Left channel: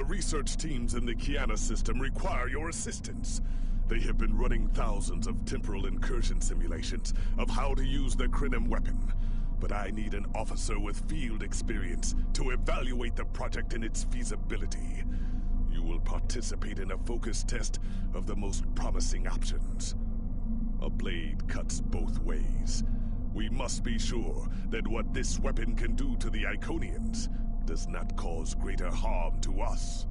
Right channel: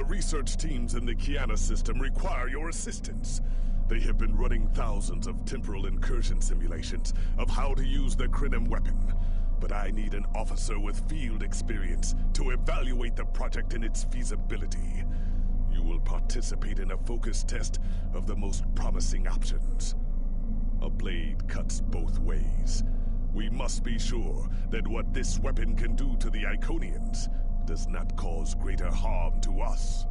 The research teams in the Kiana system require your assistance. They have been running thousands of temporal incursion simulations of how to use the Krenim weapon. But I need an officer with field experience to evaluate the project and its feasibility. You will participate in a focus test of the most promising options. A blade cuts both ways. We must be sure that what this weapon can do to the Iconians does not cause greater harm to us.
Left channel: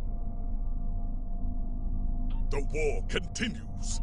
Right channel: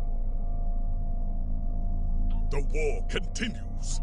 The war continues.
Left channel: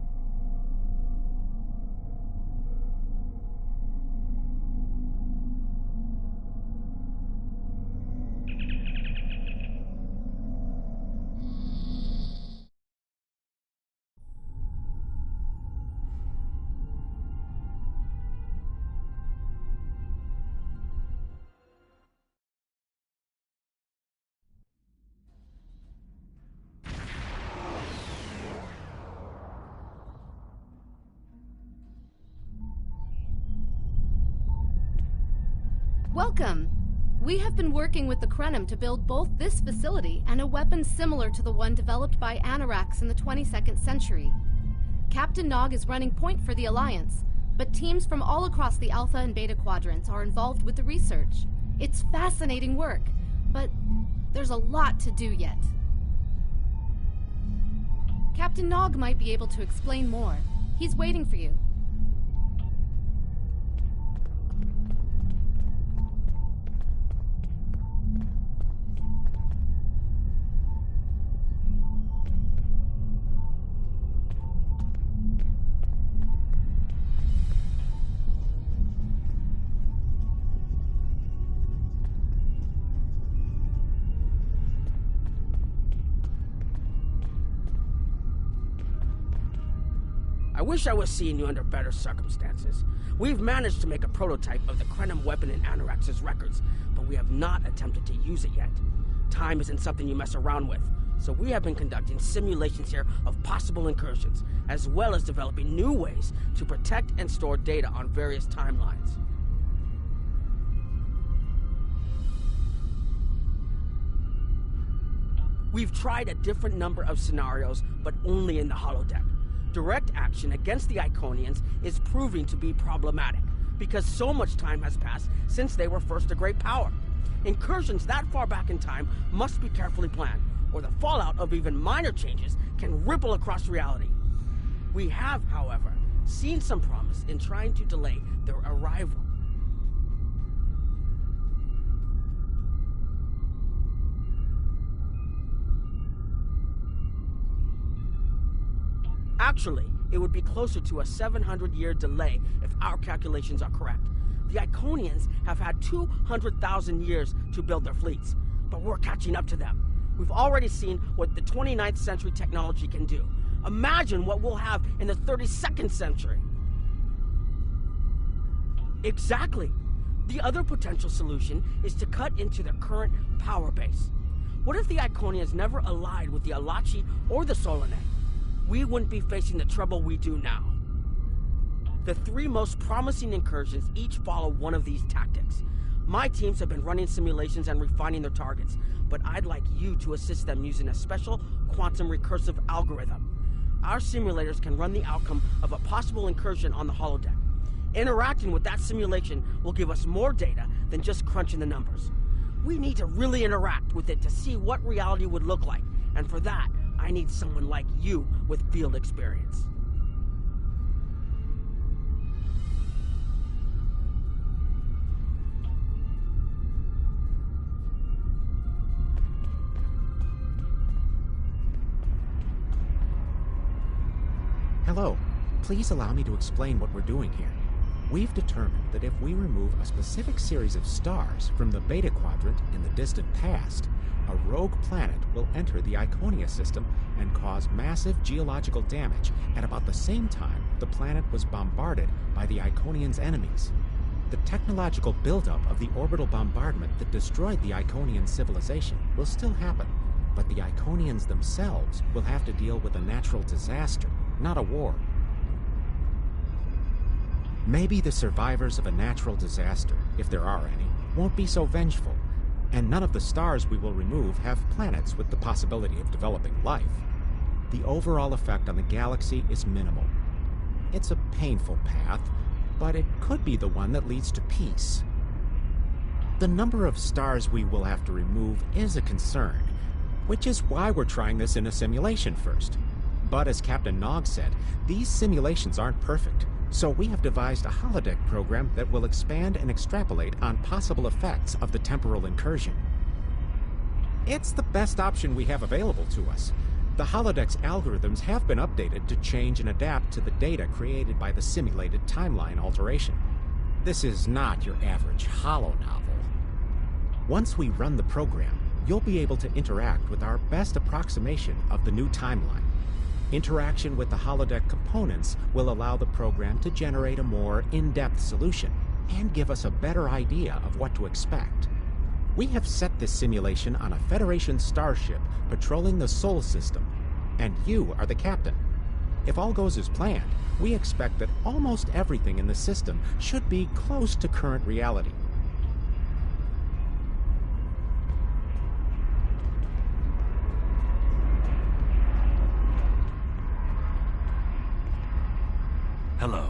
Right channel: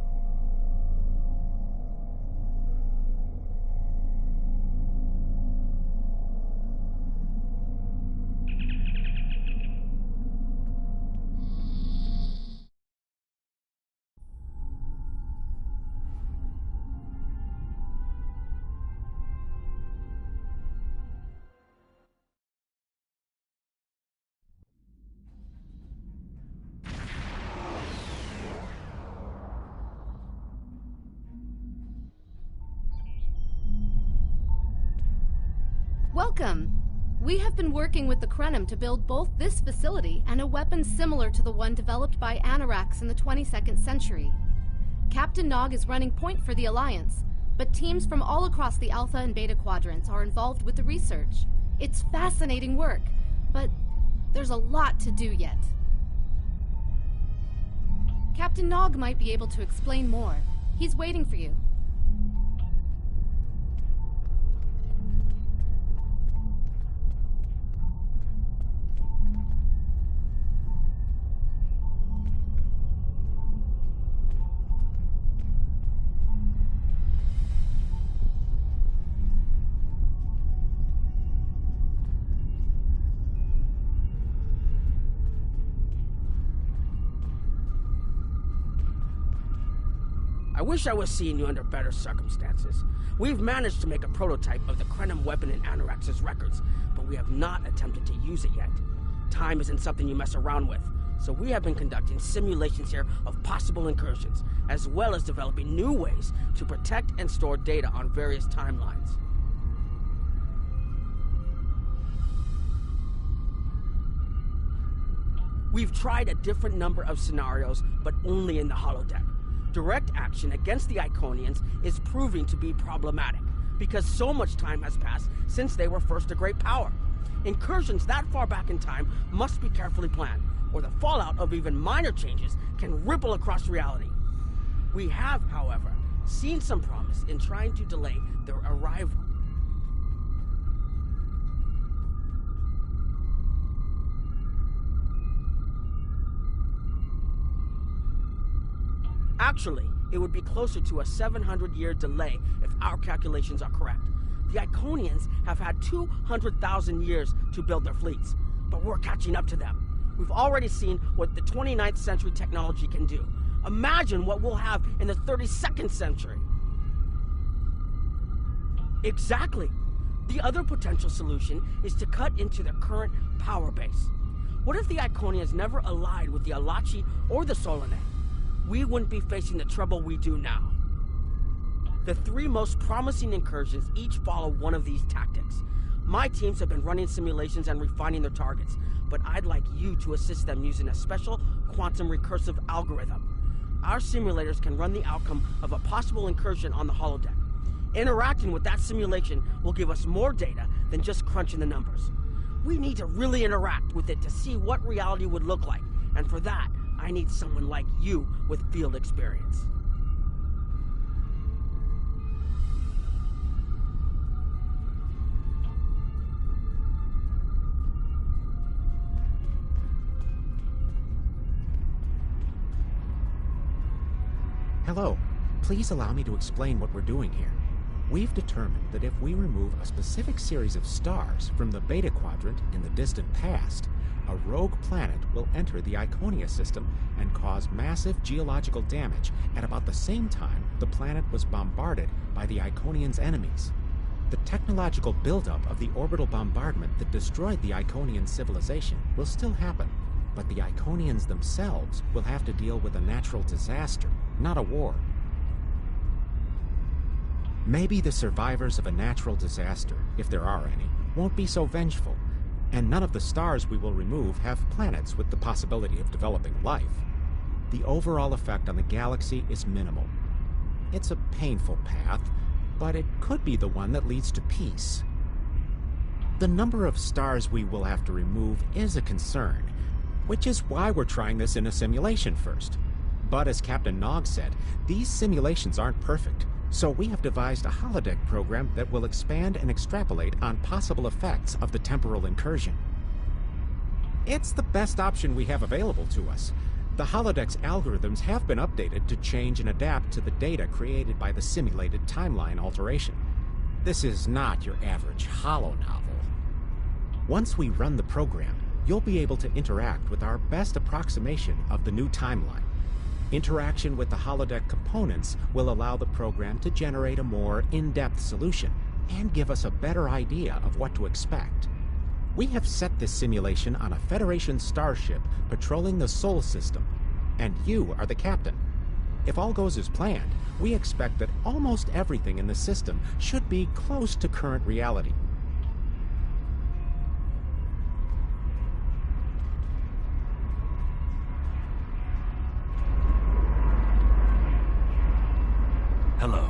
Welcome! We have been working with the Krenim to build both this facility and a weapon similar to the one developed by Anoraks in the 22nd century. Captain Nog is running point for the Alliance, but teams from all across the Alpha and Beta quadrants are involved with the research. It's fascinating work, but there's a lot to do yet. Captain Nog might be able to explain more. He's waiting for you. I wish I was seeing you under better circumstances. We've managed to make a prototype of the Krenim weapon in Anoraks' records, but we have not attempted to use it yet. Time isn't something you mess around with, so we have been conducting simulations here of possible incursions, as well as developing new ways to protect and store data on various timelines. We've tried a different number of scenarios, but only in the holodeck. Direct action against the Iconians is proving to be problematic, because so much time has passed since they were first a great power. Incursions that far back in time must be carefully planned, or the fallout of even minor changes can ripple across reality. We have, however, seen some promise in trying to delay their arrival. Actually, it would be closer to a 700-year delay if our calculations are correct. The Iconians have had 200,000 years to build their fleets, but we're catching up to them. We've already seen what the 29th century technology can do. Imagine what we'll have in the 32nd century. Exactly. The other potential solution is to cut into their current power base. What if the Iconians never allied with the Alachi or the Solanae? We wouldn't be facing the trouble we do now. The three most promising incursions each follow one of these tactics. My teams have been running simulations and refining their targets, but I'd like you to assist them using a special quantum recursive algorithm. Our simulators can run the outcome of a possible incursion on the holodeck. Interacting with that simulation will give us more data than just crunching the numbers. We need to really interact with it to see what reality would look like, and for that, I need someone like you with field experience. Hello. Please allow me to explain what we're doing here. We've determined that if we remove a specific series of stars from the Beta Quadrant in the distant past, a rogue planet will enter the Iconia system and cause massive geological damage at about the same time the planet was bombarded by the Iconians' enemies. The technological buildup of the orbital bombardment that destroyed the Iconian civilization will still happen, but the Iconians themselves will have to deal with a natural disaster, not a war. Maybe the survivors of a natural disaster, if there are any, won't be so vengeful. and none of the stars we will remove have planets with the possibility of developing life. The overall effect on the galaxy is minimal. It's a painful path, but it could be the one that leads to peace. The number of stars we will have to remove is a concern, which is why we're trying this in a simulation first. But as Captain Nog said, these simulations aren't perfect, so we have devised a holodeck program that will expand and extrapolate on possible effects of the temporal incursion. It's the best option we have available to us. The holodeck's algorithms have been updated to change and adapt to the data created by the simulated timeline alteration. This is not your average holo novel. Once we run the program, you'll be able to interact with our best approximation of the new timeline. Interaction with the holodeck components will allow the program to generate a more in-depth solution and give us a better idea of what to expect. We have set this simulation on a Federation starship patrolling the Sol system, and you are the captain. If all goes as planned, we expect that almost everything in the system should be close to current reality. Hello.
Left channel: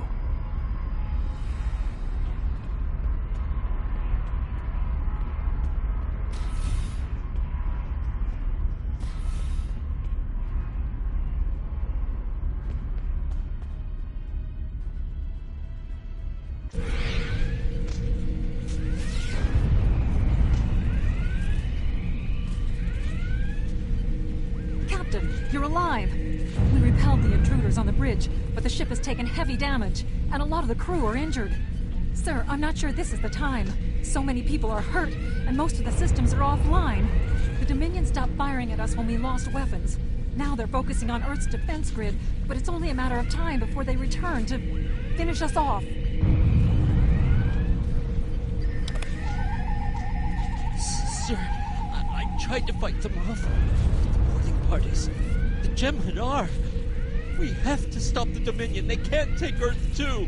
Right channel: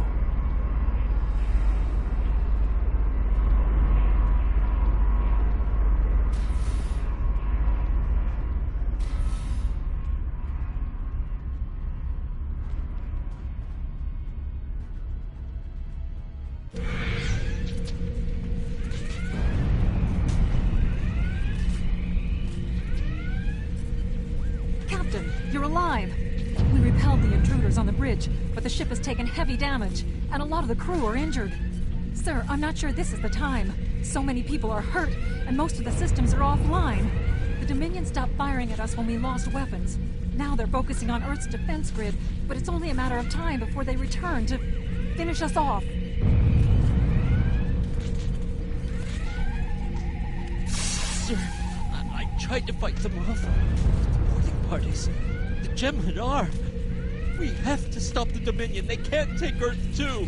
Captain, you're alive! We repelled the intruders on the bridge, but the ship has taken heavy damage, and a lot of the crew are injured. Sir, I'm not sure this is the time. So many people are hurt, and most of the systems are offline. The Dominion stopped firing at us when we lost weapons. Now they're focusing on Earth's defense grid, but it's only a matter of time before they return to finish us off. Sir, I tried to fight them off. The boarding parties. The Jem'Hadar. We have to stop the Dominion. They can't take Earth too.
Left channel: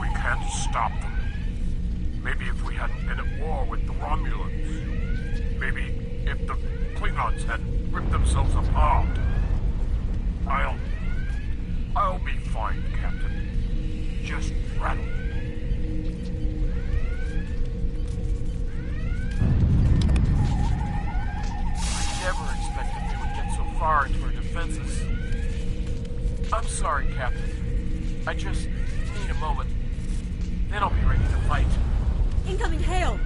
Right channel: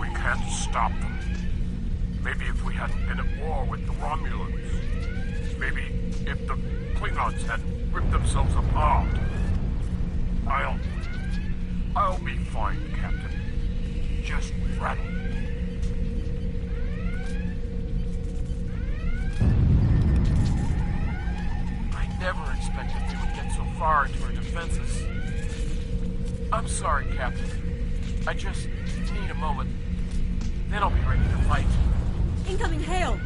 We can't stop them. Maybe if we hadn't been at war with the Romulans. Maybe if the Klingons hadn't ripped themselves apart. I'll be fine, Captain. Just rattle. I never expected we would get so far into our defenses. I'm sorry, Captain. I just need a moment. Then I'll be ready to fight. Incoming hail!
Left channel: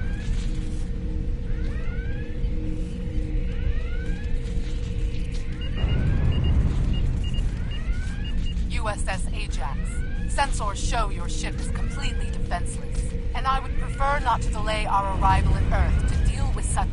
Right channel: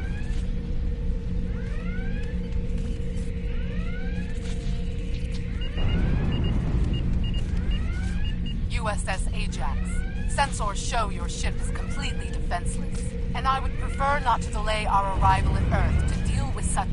USS Ajax. Sensors show your ship is completely defenseless, and I would prefer not to delay our arrival at Earth to deal with such...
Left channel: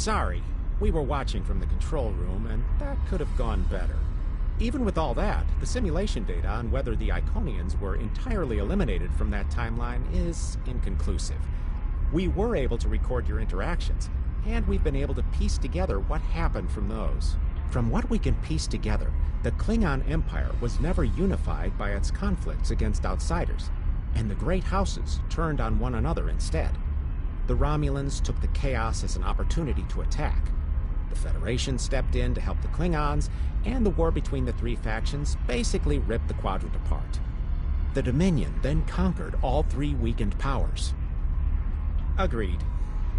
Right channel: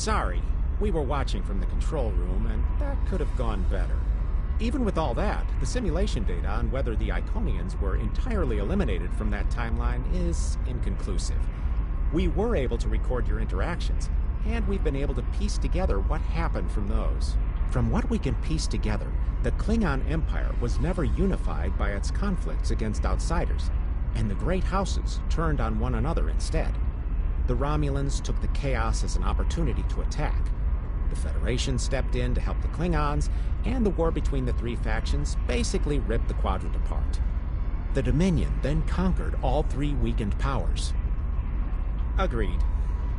Sorry. We were watching from the control room, and that could have gone better. Even with all that, the simulation data on whether the Iconians were entirely eliminated from that timeline is inconclusive. We were able to record your interactions, and we've been able to piece together what happened from those. From what we can piece together, the Klingon Empire was never unified by its conflicts against outsiders, and the Great Houses turned on one another instead. The Romulans took the chaos as an opportunity to attack. The Federation stepped in to help the Klingons, and the war between the three factions basically ripped the quadrant apart. The Dominion then conquered all three weakened powers. Agreed.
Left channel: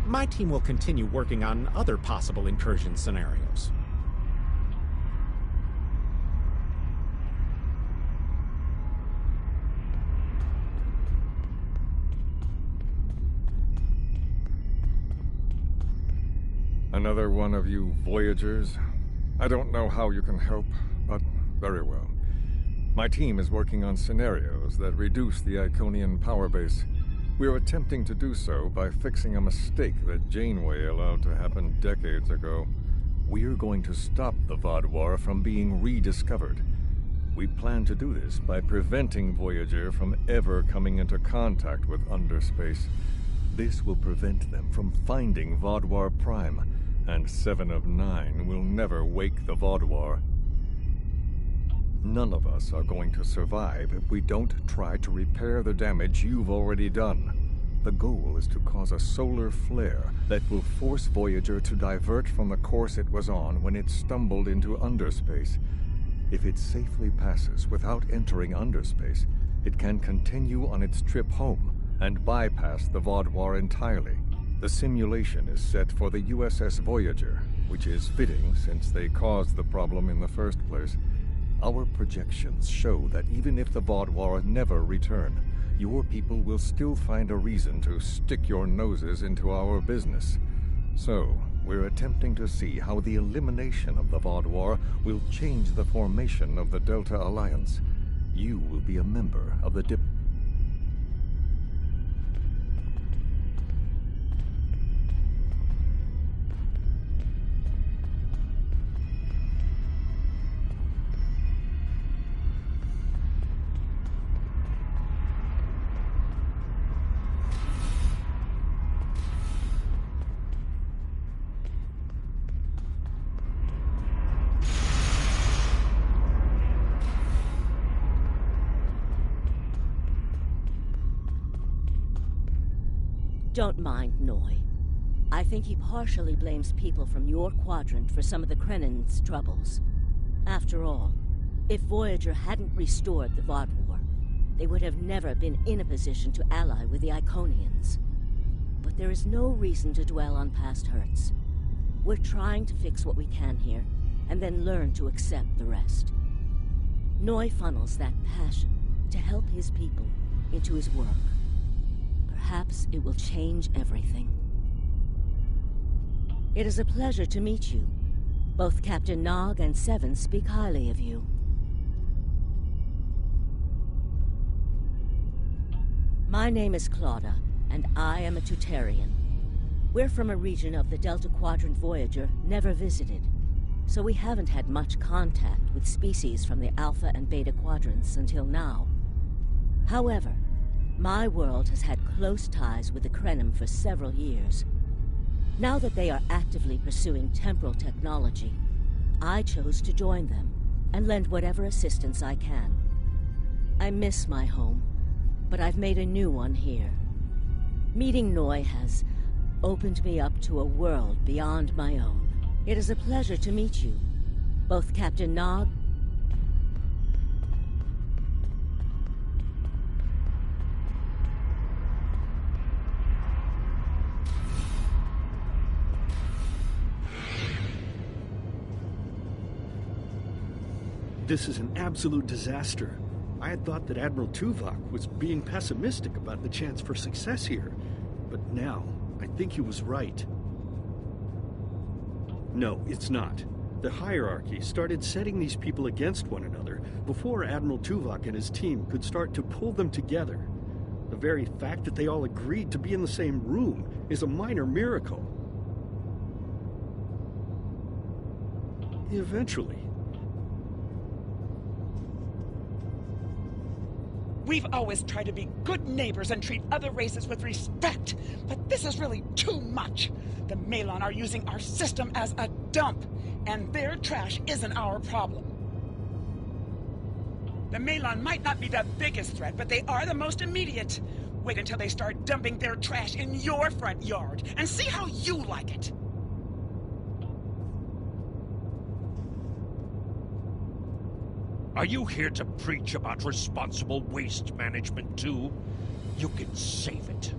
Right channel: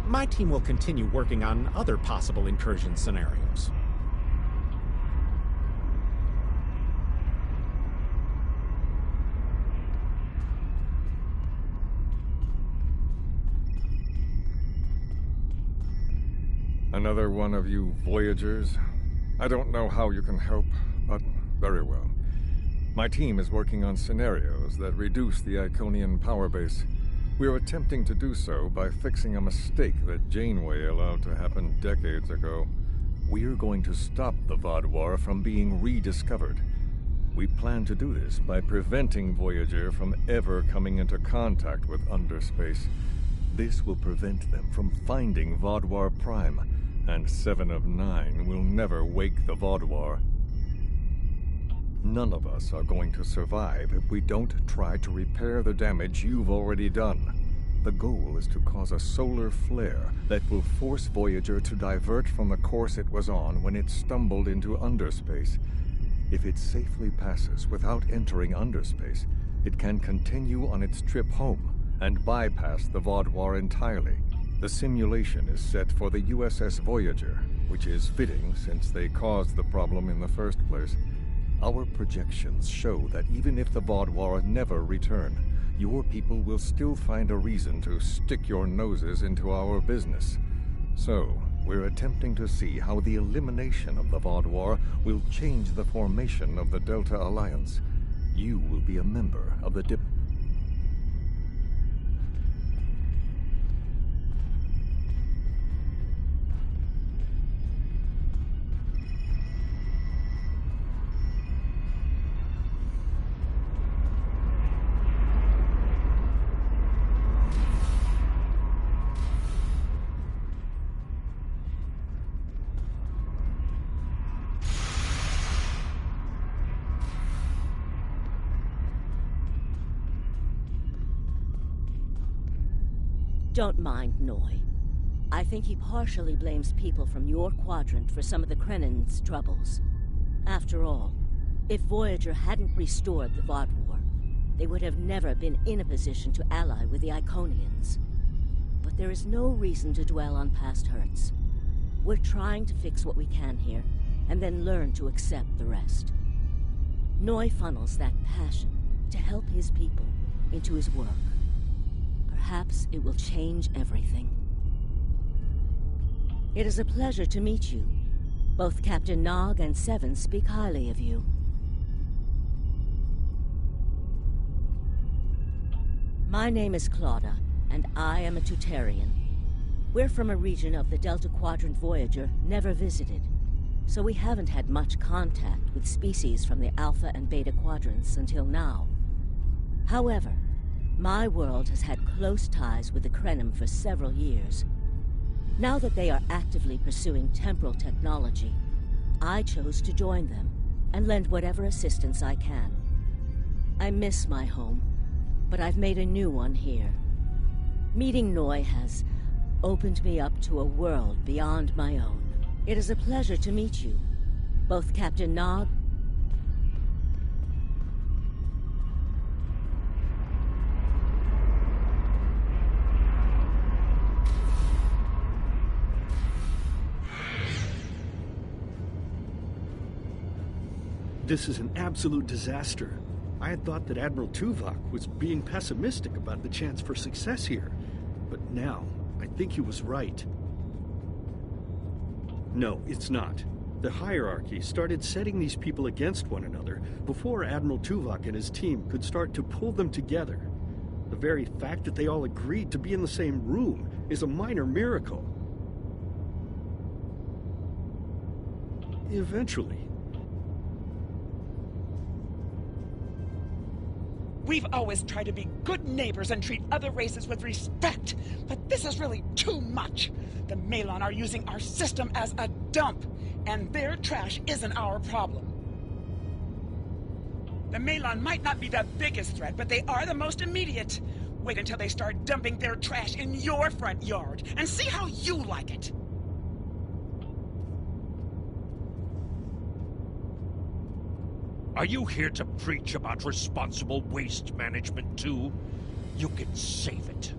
My team will continue working on other possible incursion scenarios. Another one of you Voyagers? I don't know how you can help, but very well. My team is working on scenarios that reduce the Iconian power base. We're attempting to do so by fixing a mistake that Janeway allowed to happen decades ago. We're going to stop the Vaadwaur from being rediscovered. We plan to do this by preventing Voyager from ever coming into contact with Underspace. This will prevent them from finding Vaadwaur Prime, and 7 of 9 will never wake the Vaadwaur. None of us are going to survive if we don't try to repair the damage you've already done. The goal is to cause a solar flare that will force Voyager to divert from the course it was on when it stumbled into Underspace. If it safely passes without entering Underspace, it can continue on its trip home and bypass the Vaadwaur entirely. The simulation is set for the USS Voyager, which is fitting since they caused the problem in the first place. Our projections show that even if the Vaadwaur never return, your people will still find a reason to stick your noses into our business. So, we're attempting to see how the elimination of the Vaadwaur will change the formation of the Delta Alliance. You will be a member of the Don't mind Noy. I think he partially blames people from your quadrant for some of the Krennin's troubles. After all, if Voyager hadn't restored the Vaadwaur, they would have never been in a position to ally with the Iconians. But there is no reason to dwell on past hurts. We're trying to fix what we can here, and then learn to accept the rest. Noy funnels that passion to help his people into his work. Perhaps it will change everything. It is a pleasure to meet you. Both Captain Nog and Seven speak highly of you. My name is Claudia, and I am a Tutarian. We're from a region of the Delta Quadrant Voyager never visited, so we haven't had much contact with species from the Alpha and Beta Quadrants until now. However, my world has had close ties with the Krenim for several years. Now that they are actively pursuing temporal technology, I chose to join them and lend whatever assistance I can. I miss my home, but I've made a new one here. Meeting Noy has opened me up to a world beyond my own. It is a pleasure to meet you, both Captain Nog. This is an absolute disaster. I had thought that Admiral Tuvok was being pessimistic about the chance for success here, but now I think he was right. No, it's not. The hierarchy started setting these people against one another before Admiral Tuvok and his team could start to pull them together. The very fact that they all agreed to be in the same room is a minor miracle. Eventually. We've always tried to be good neighbors and treat other races with respect, but this is really too much. The Malon are using our system as a dump, and their trash isn't our problem. The Malon might not be the biggest threat, but they are the most immediate. Wait until they start dumping their trash in your front yard, and see how you like it. Are you here to preach about responsible waste management too? You can save it.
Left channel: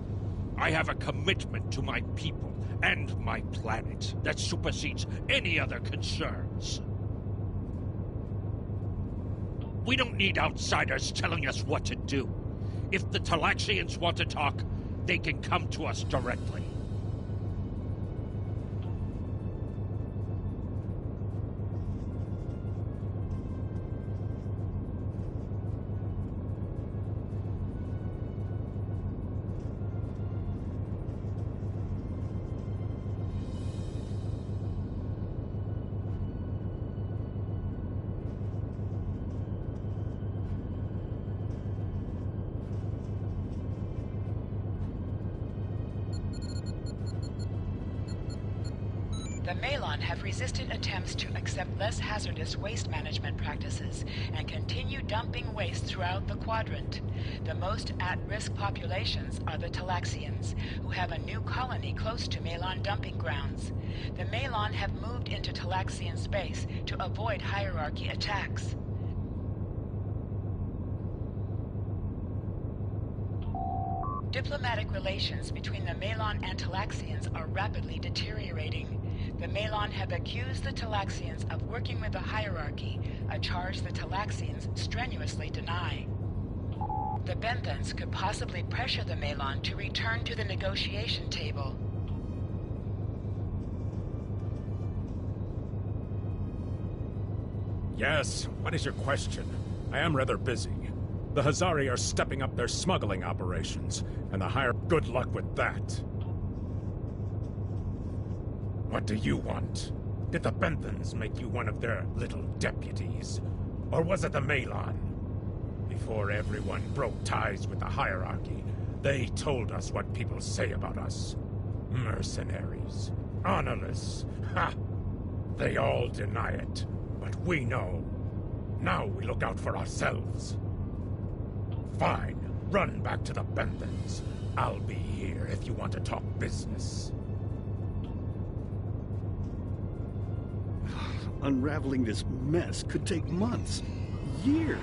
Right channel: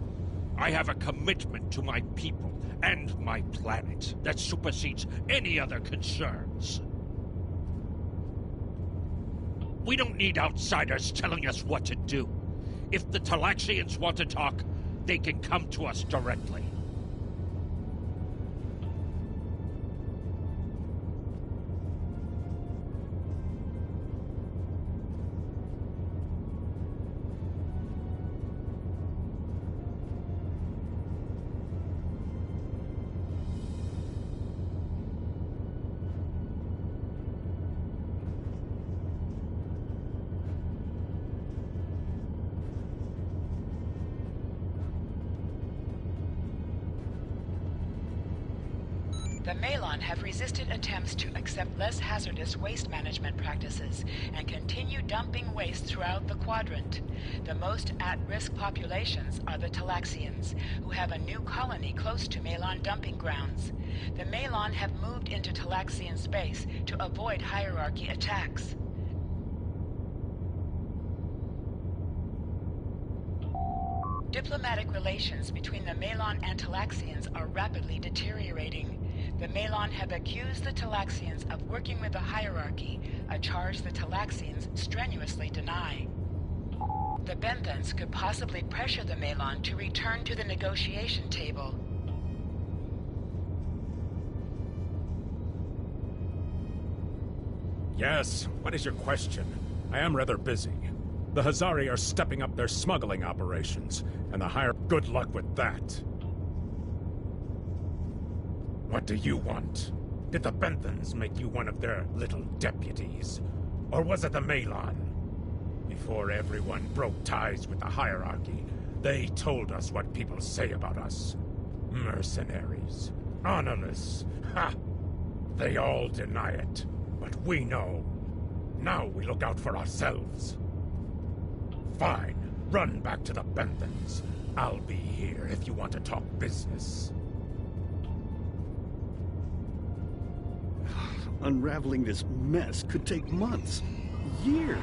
I have a commitment to my people and my planet that supersedes any other concerns. We don't need outsiders telling us what to do. If the Talaxians want to talk, they can come to us directly. The Malon have resisted attempts to accept less hazardous waste management practices and continue dumping waste throughout the quadrant. The most at-risk populations are the Talaxians, who have a new colony close to Malon dumping grounds. The Malon have moved into Talaxian space to avoid hierarchy attacks. Diplomatic relations between the Malon and Talaxians are rapidly deteriorating. The Malon have accused the Talaxians of working with the hierarchy, a charge the Talaxians strenuously deny. The Benthans could possibly pressure the Malon to return to the negotiation table. Yes, what is your question? I am rather busy. The Hazari are stepping up their smuggling operations, and the higher... Good luck with that. What do you want? Did the Benthans make you one of their little deputies? Or was it the Malon? Before everyone broke ties with the hierarchy, they told us what people say about us. Mercenaries. Honorless. Ha! They all deny it, but we know. Now we look out for ourselves. Fine. Run back to the Benthans. I'll be here if you want to talk business. Unraveling this mess could take months, years.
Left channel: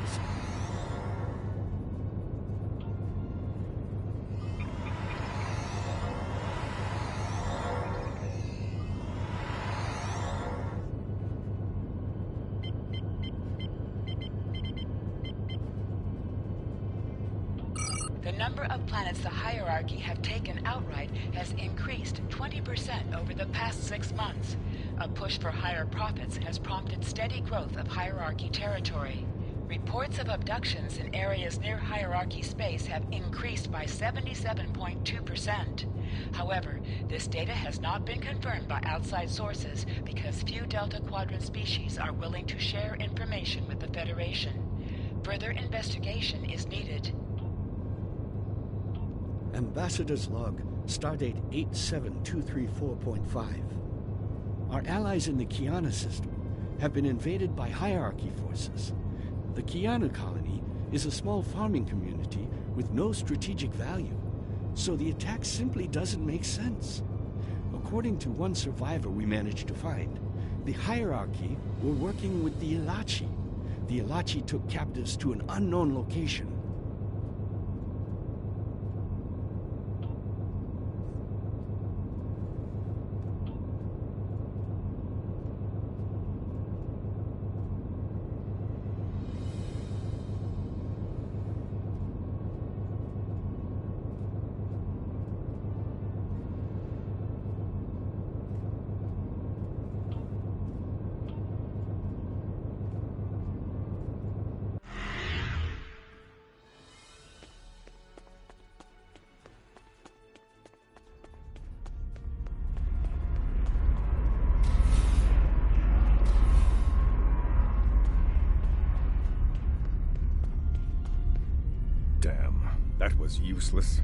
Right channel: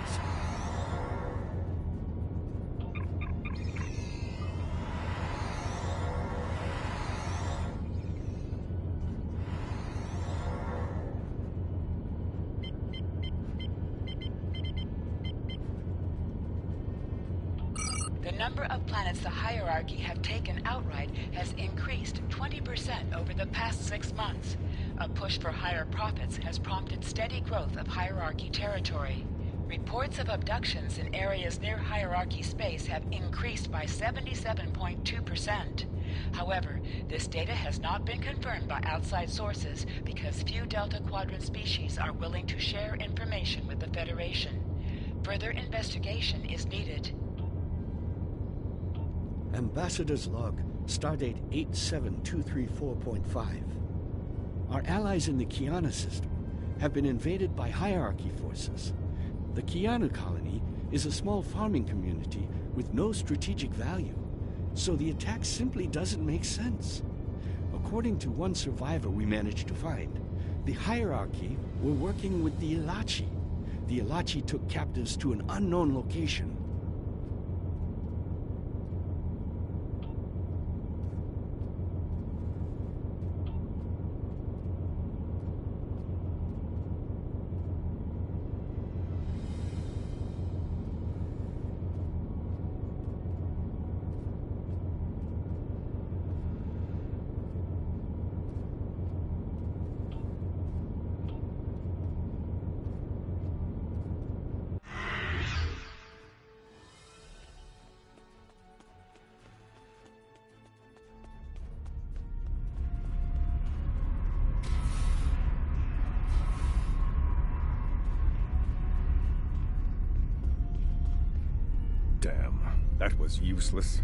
The number of planets the hierarchy have taken outright has increased 20% over the past 6 months. A push for higher profits has prompted steady growth of hierarchy territory. Reports of abductions in areas near hierarchy space have increased by 77.2%. However, this data has not been confirmed by outside sources because few Delta Quadrant species are willing to share information with the Federation. Further investigation is needed. Ambassador's log, stardate 87234.5. Our allies in the Kiana system have been invaded by hierarchy forces. The Kiana colony is a small farming community with no strategic value, so the attack simply doesn't make sense. According to one survivor we managed to find, the hierarchy were working with the Ilachi. The Ilachi took captives to an unknown location. Damn, that was useless.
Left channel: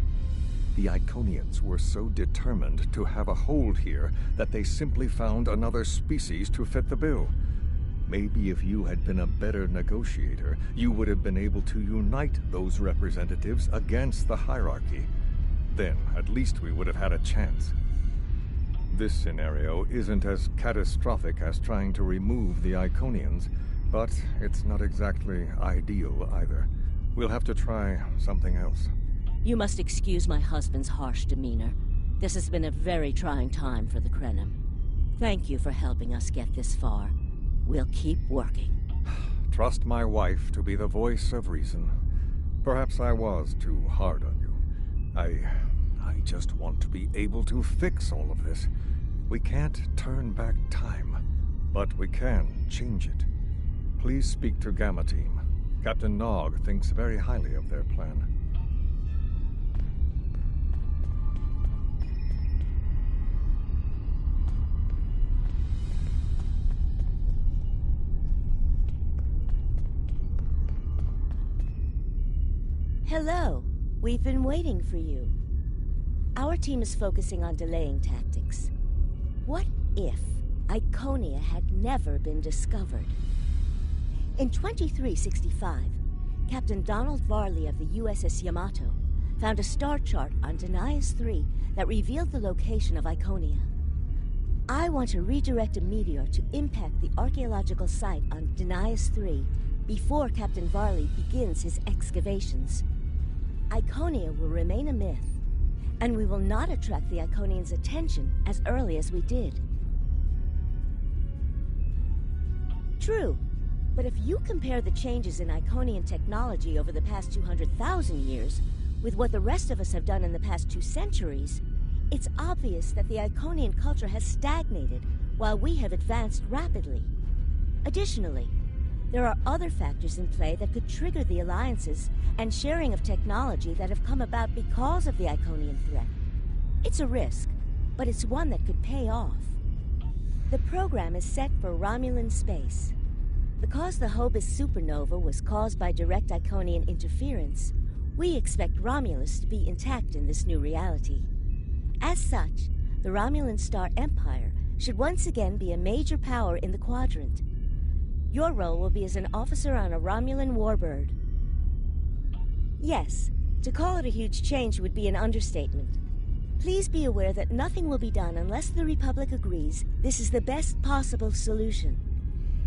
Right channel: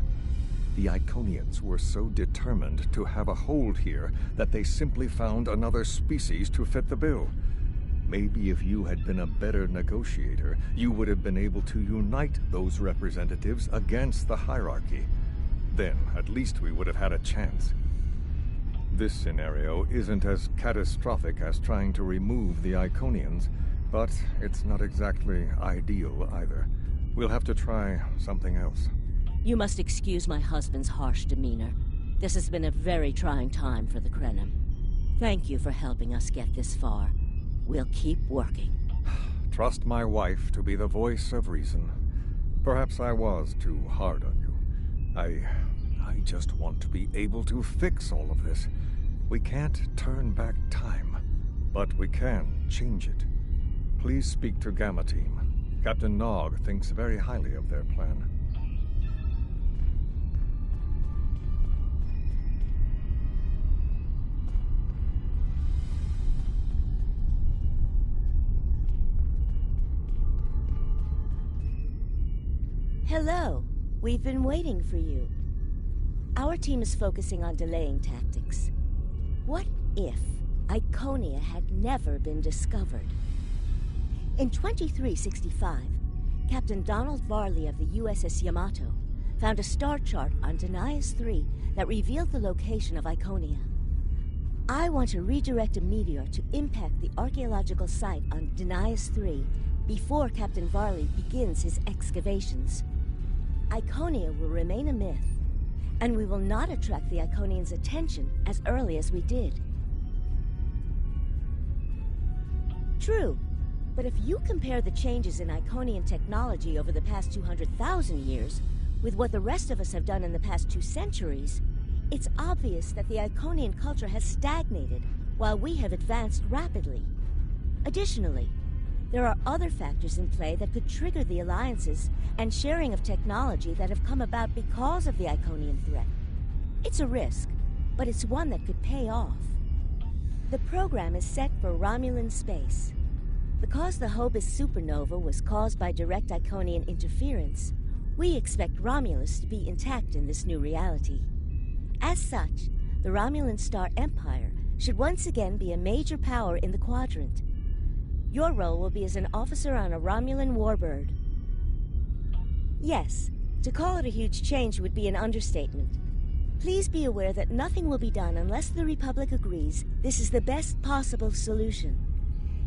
The Iconians were so determined to have a hold here that they simply found another species to fit the bill. Maybe if you had been a better negotiator, you would have been able to unite those representatives against the hierarchy. Then, at least we would have had a chance. This scenario isn't as catastrophic as trying to remove the Iconians, but it's not exactly ideal either. We'll have to try something else. You must excuse my husband's harsh demeanor. This has been a very trying time for the Krenim. Thank you for helping us get this far. We'll keep working. Trust my wife to be the voice of reason. Perhaps I was too hard on you. I just want to be able to fix all of this. We can't turn back time, but we can change it. Please speak to Gamma Team. Captain Nog thinks very highly of their plan. Hello. We've been waiting for you. Our team is focusing on delaying tactics. What if Iconia had never been discovered? In 2365, Captain Donald Varley of the USS Yamato found a star chart on Denias 3 that revealed the location of Iconia. I want to redirect a meteor to impact the archaeological site on Denias 3 before Captain Varley begins his excavations. Iconia will remain a myth, and we will not attract the Iconians' attention as early as we did. True, but if you compare the changes in Iconian technology over the past 200,000 years with what the rest of us have done in the past 2 centuries, it's obvious that the Iconian culture has stagnated while we have advanced rapidly. Additionally, there are other factors in play that could trigger the alliances and sharing of technology that have come about because of the Iconian threat. It's a risk, but it's one that could pay off. The program is set for Romulan space. Because the Hobus supernova was caused by direct Iconian interference, we expect Romulus to be intact in this new reality. As such, the Romulan Star Empire should once again be a major power in the quadrant. Your role will be as an officer on a Romulan warbird. Yes, to call it a huge change would be an understatement. Please be aware that nothing will be done unless the Republic agrees this is the best possible solution.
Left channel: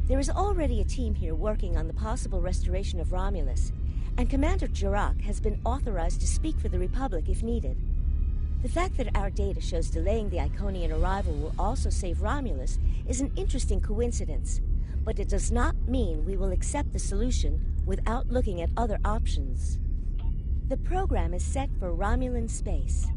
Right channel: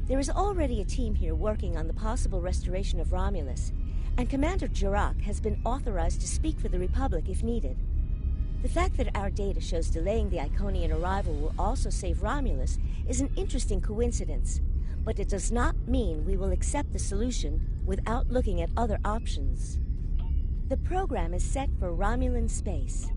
There is already a team here working on the possible restoration of Romulus, and Commander Jirak has been authorized to speak for the Republic if needed. The fact that our data shows delaying the Iconian arrival will also save Romulus is an interesting coincidence, but it does not mean we will accept the solution without looking at other options. The program is set for Romulan space.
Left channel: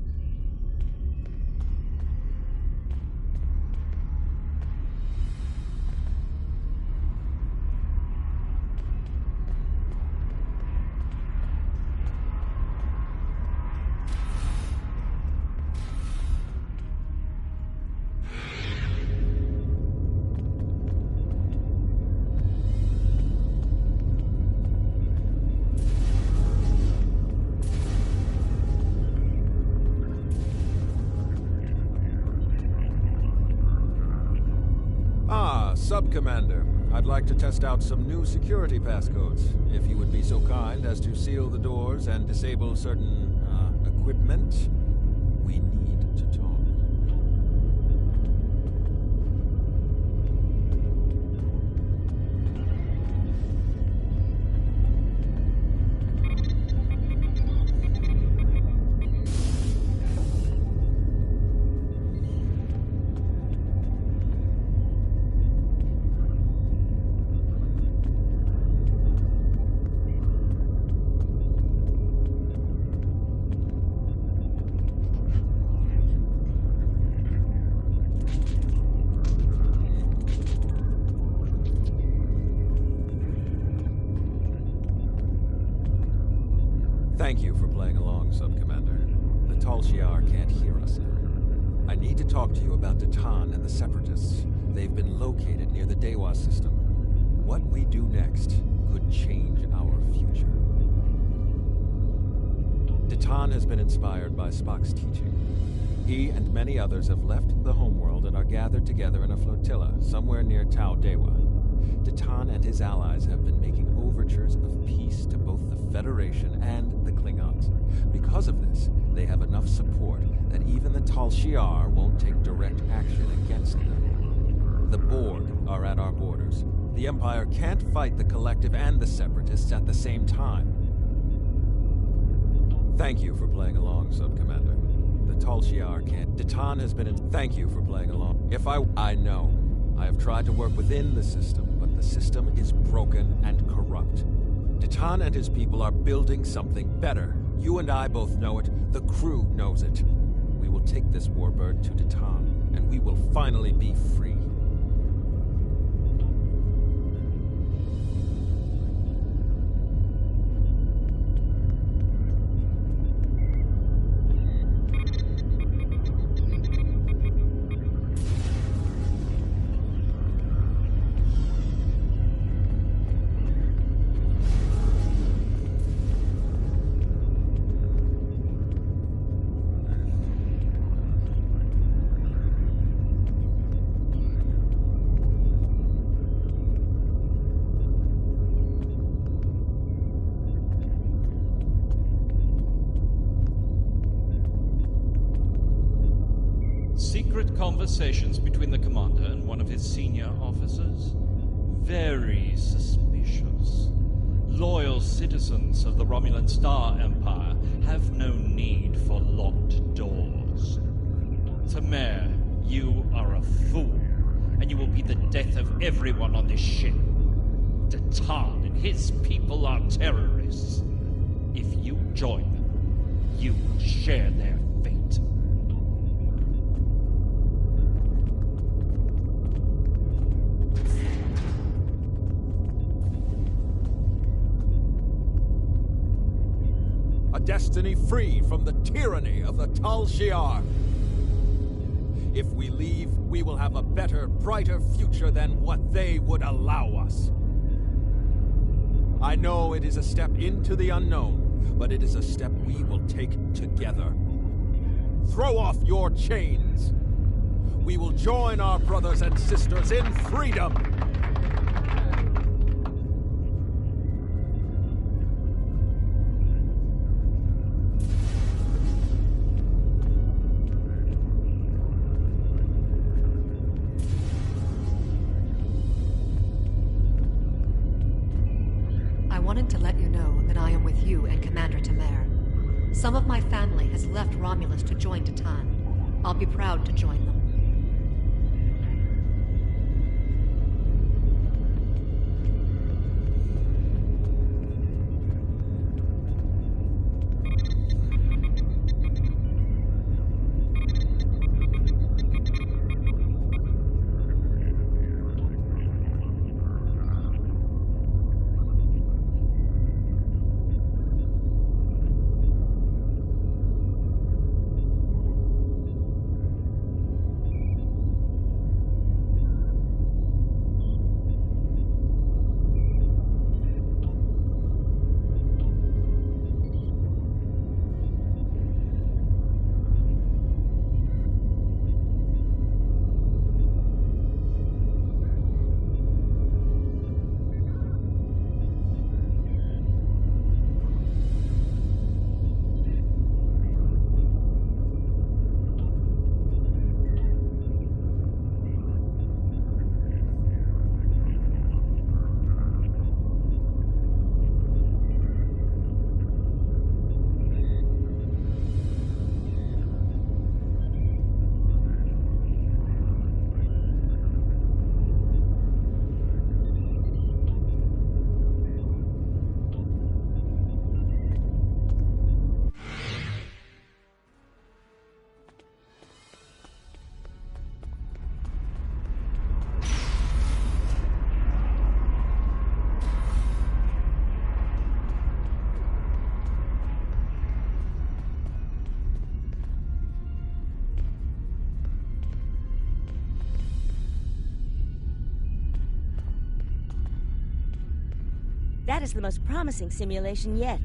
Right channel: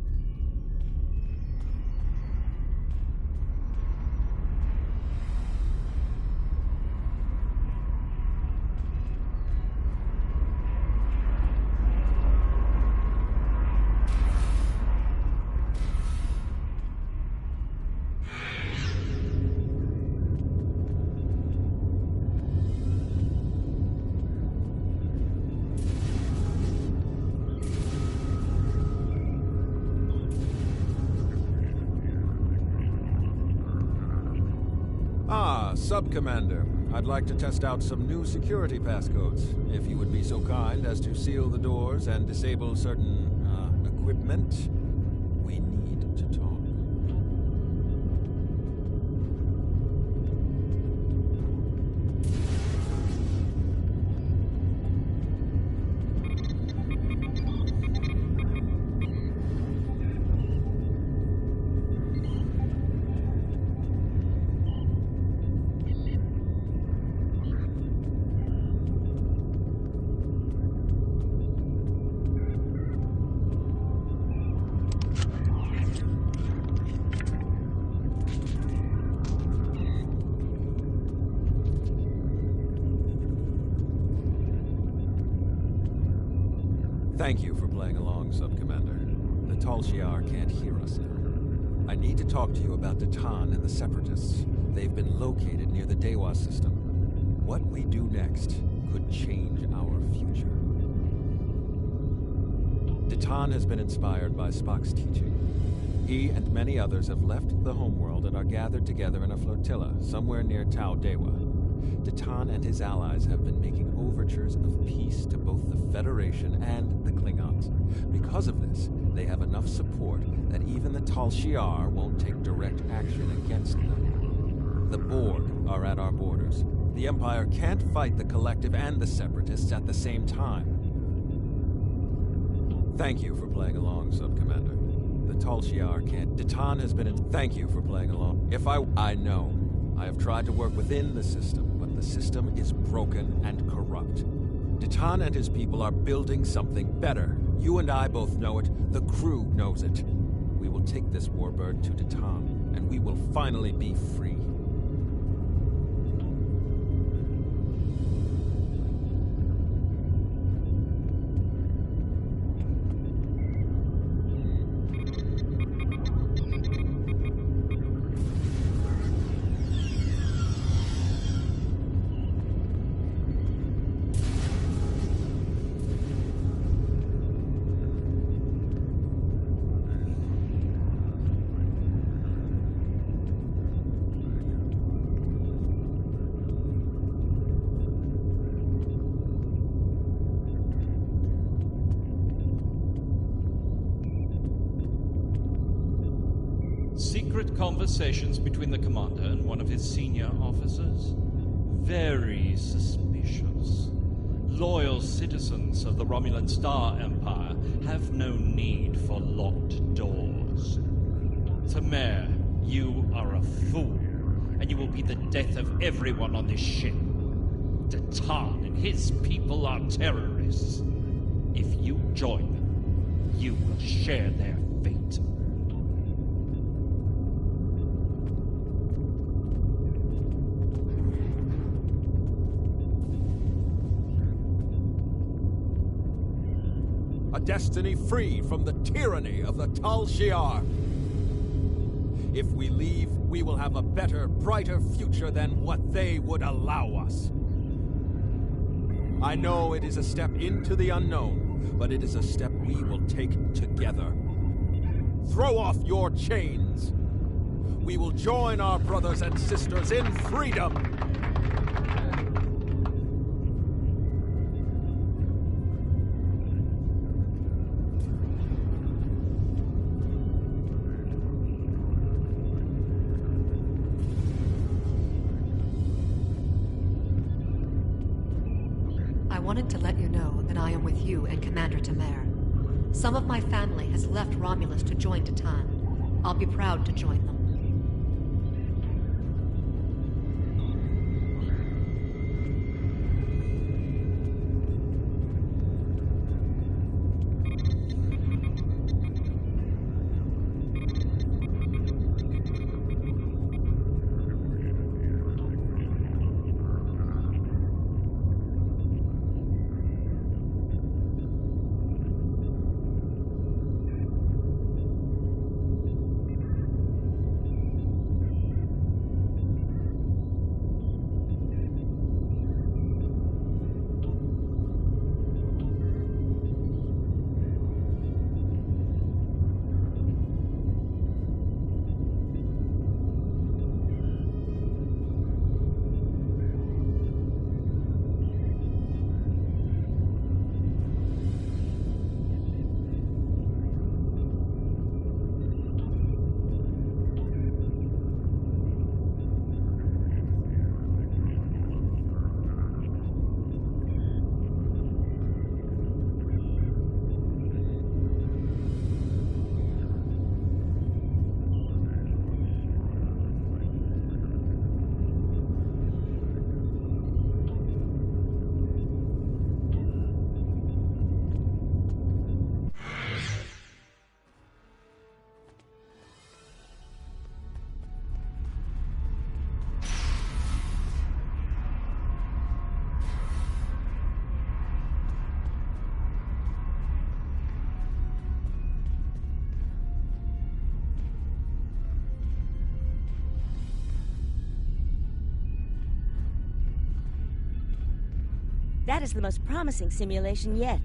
Sub-Commander, I'd like to test out some new security passcodes. If you would be so kind as to seal the doors and disable certain, equipment, we need to talk. Thank you for playing along, Sub-Commander. The Tal Shiar can't hear us now. I need to talk to you about Datan and the Separatists. They've been located near the Dewa system. What we do next could change our future. Datan has been inspired by Spock's teaching. He and many others have left the homeworld and are gathered together in a flotilla somewhere near Tau Dewa. Datan and his allies have been making overtures of peace to both the Federation and the Klingons. Because of this, they have enough support that even the Tal Shiar won't take direct action against them. The Borg are at our borders. The Empire can't fight the Collective and the Separatists at the same time. Thank you for playing along, Sub-Commander. The Tal Shiar can't. Datan has been in. Thank you for playing along. I know. I have tried to work within the system, but the system is broken and corrupt. Datan and his people are building something better. You and I both know it. The crew knows it. We will take this warbird to Datan, and we will finally be free. Secret conversations between the commander and one of his senior officers? Very suspicious. Loyal citizens of the Romulan Star Empire have no need for locked doors. Tamer, you are a fool, and you will be the death of everyone on this ship. Datan and his people are terrorists. If you join them, you will share their fate. A destiny free from the tyranny of the Tal Shiar. If we leave, we will have a better, brighter future than what they would allow us. I know it is a step into the unknown, but it is a step we will take together. Throw off your chains. We will join our brothers and sisters in freedom. I wanted to let you know that I am with you and Commander Tamer. Some of my family has left Romulus to join Datan. I'll be proud to join them. That is the most promising simulation yet.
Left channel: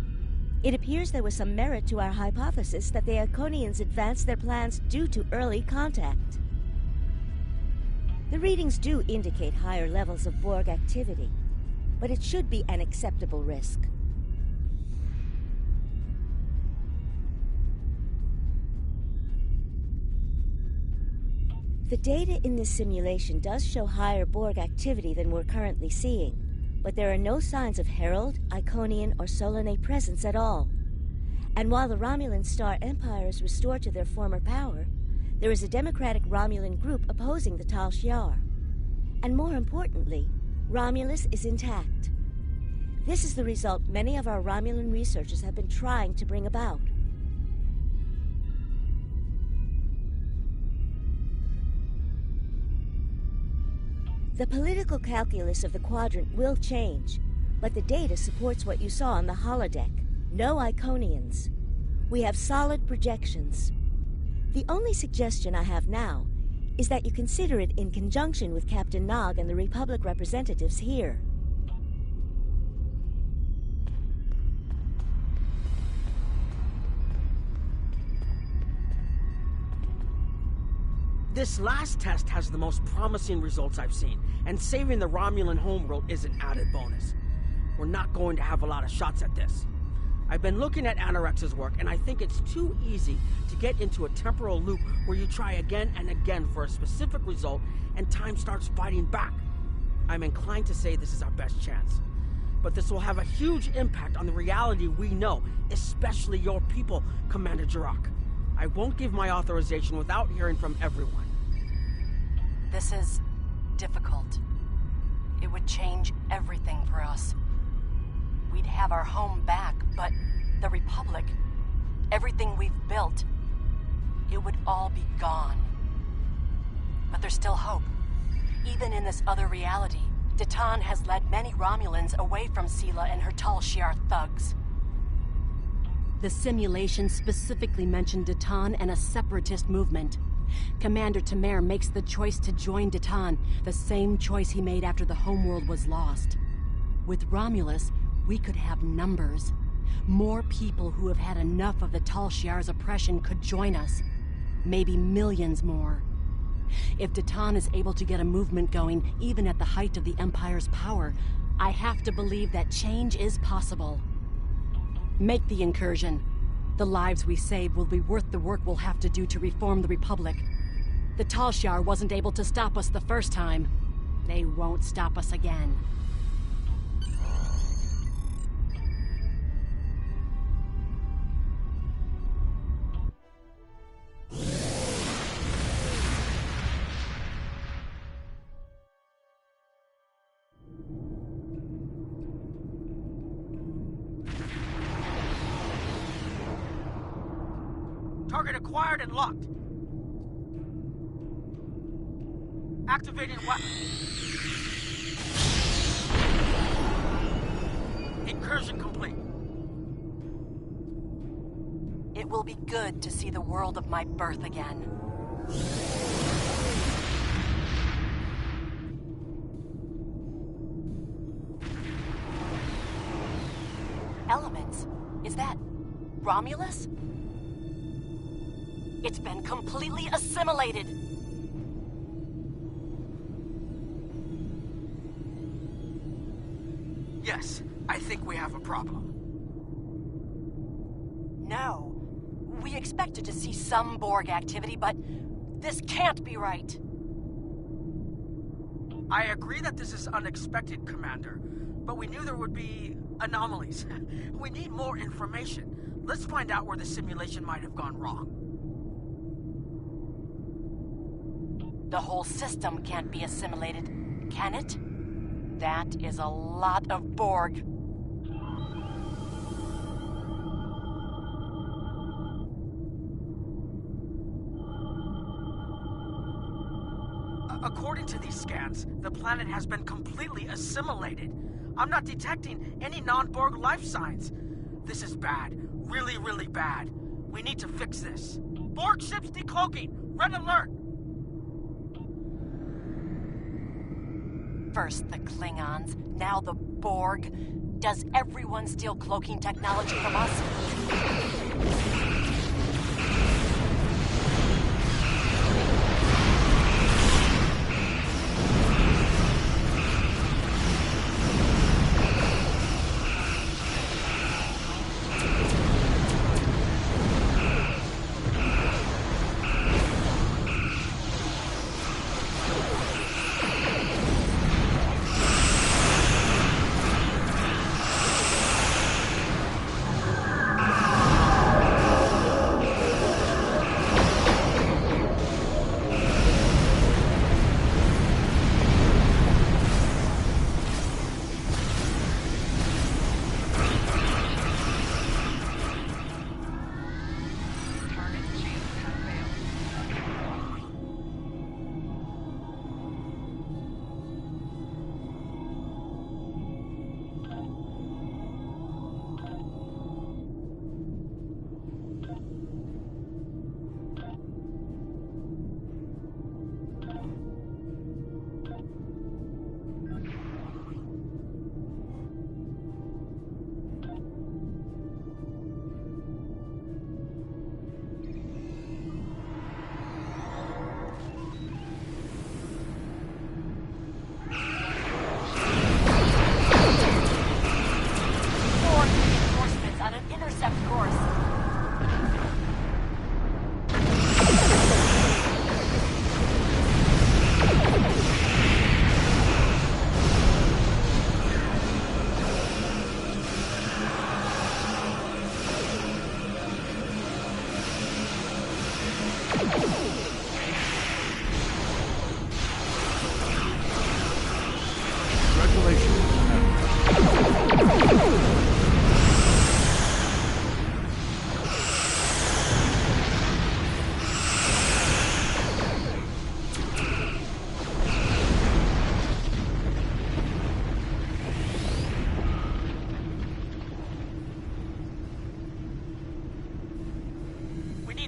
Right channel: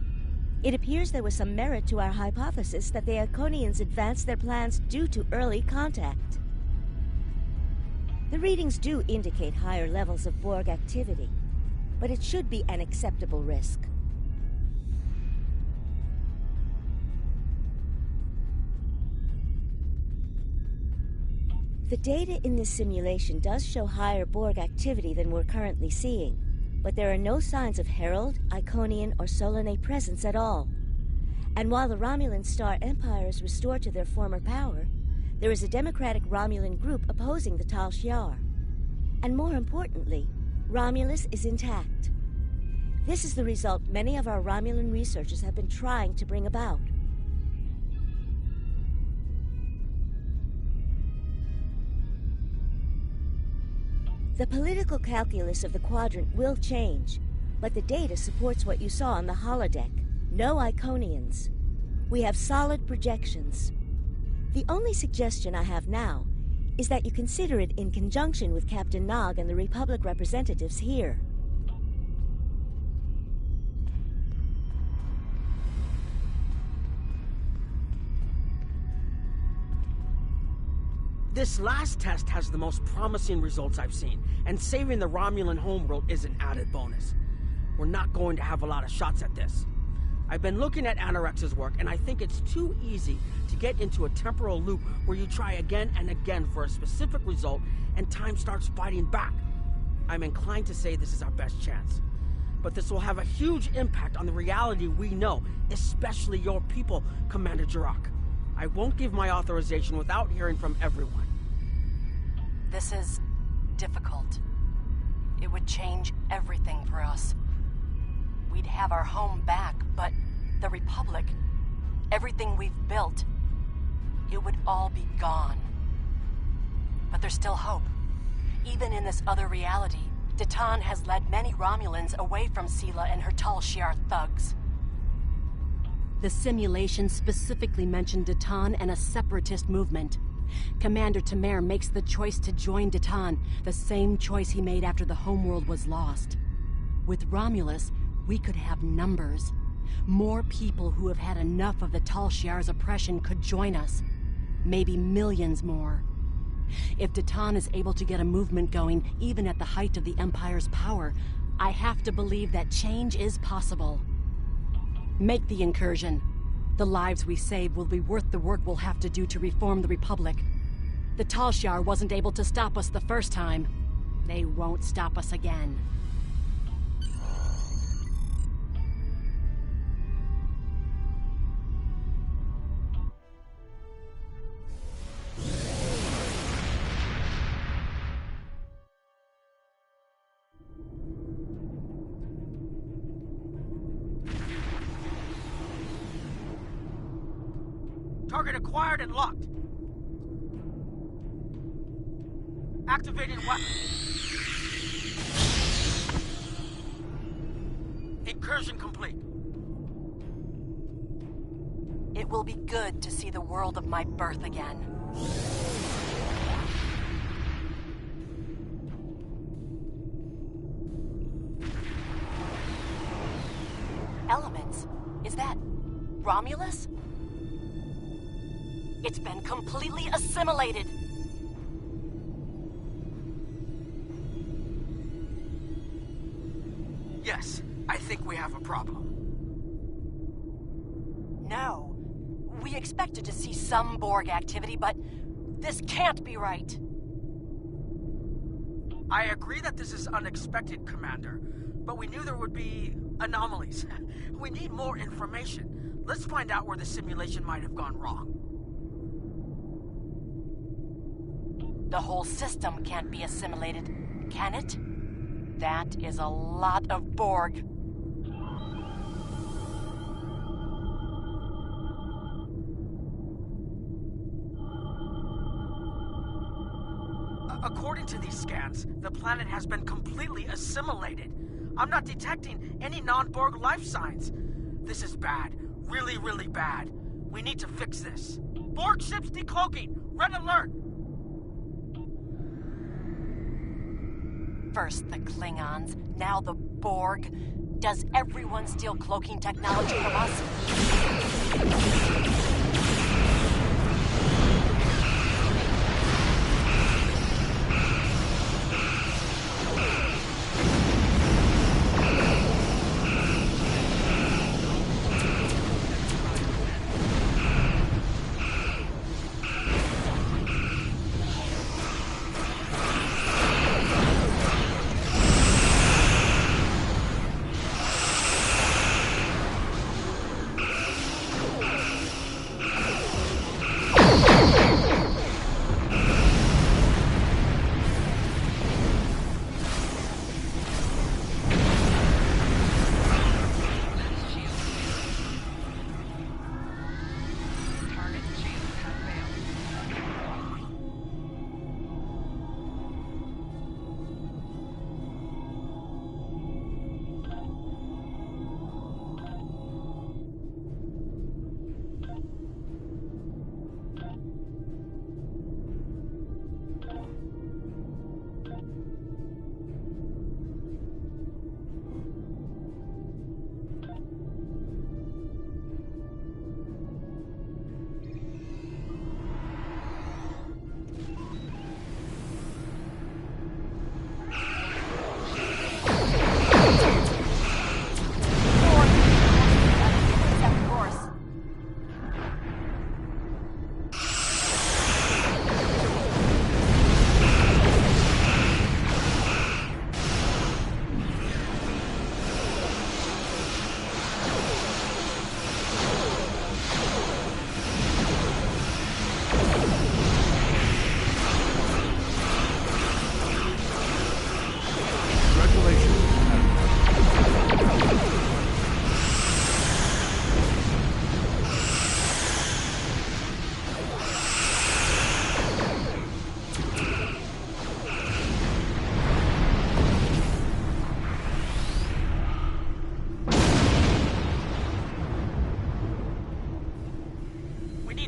It appears there was some merit to our hypothesis that the Iconians advanced their plans due to early contact. The readings do indicate higher levels of Borg activity, but it should be an acceptable risk. The data in this simulation does show higher Borg activity than we're currently seeing, but there are no signs of Herald, Iconian, or Solanae presence at all. And while the Romulan Star Empire is restored to their former power, there is a democratic Romulan group opposing the Tal Shiar. And more importantly, Romulus is intact. This is the result many of our Romulan researchers have been trying to bring about. The political calculus of the quadrant will change, but the data supports what you saw on the holodeck. No Iconians. We have solid projections. The only suggestion I have now is that you consider it in conjunction with Captain Nog and the Republic representatives here. This last test has the most promising results I've seen, and saving the Romulan homeworld is an added bonus. We're not going to have a lot of shots at this. I've been looking at Anorex's work, and I think it's too easy to get into a temporal loop where you try again and again for a specific result, and time starts fighting back. I'm inclined to say this is our best chance. But this will have a huge impact on the reality we know, especially your people, Commander Jirok. I won't give my authorization without hearing from everyone. This is difficult. It would change everything for us. We'd have our home back, but the Republic, everything we've built, it would all be gone. But there's still hope. Even in this other reality, Datan has led many Romulans away from Sela and her Tal Shiar thugs. The simulation specifically mentioned Datan and a separatist movement. Commander Tamer makes the choice to join Datan, the same choice he made after the homeworld was lost. With Romulus, we could have numbers. More people who have had enough of the Tal Shiar's oppression could join us. Maybe millions more. If Datan is able to get a movement going, even at the height of the Empire's power, I have to believe that change is possible. Make the incursion. The lives we save will be worth the work we'll have to do to reform the Republic. The Tal Shiar wasn't able to stop us the first time. They won't stop us again. Target acquired and locked. Activating weapon. Incursion complete. It will be good to see the world of my birth again. Elements? Is that Romulus? It's been completely assimilated. Yes, I think we have a problem. No. We expected to see some Borg activity, but this can't be right. I agree that this is unexpected, Commander, but we knew there would be anomalies. We need more information. Let's find out where the simulation might have gone wrong. The whole system can't be assimilated, can it? That is a lot of Borg. According to these scans, the planet has been completely assimilated. I'm not detecting any non-Borg life signs. This is bad. Really, really bad. We need to fix this. Borg ships decloaking! Red alert! First the Klingons, now the Borg. Does everyone steal cloaking technology from us?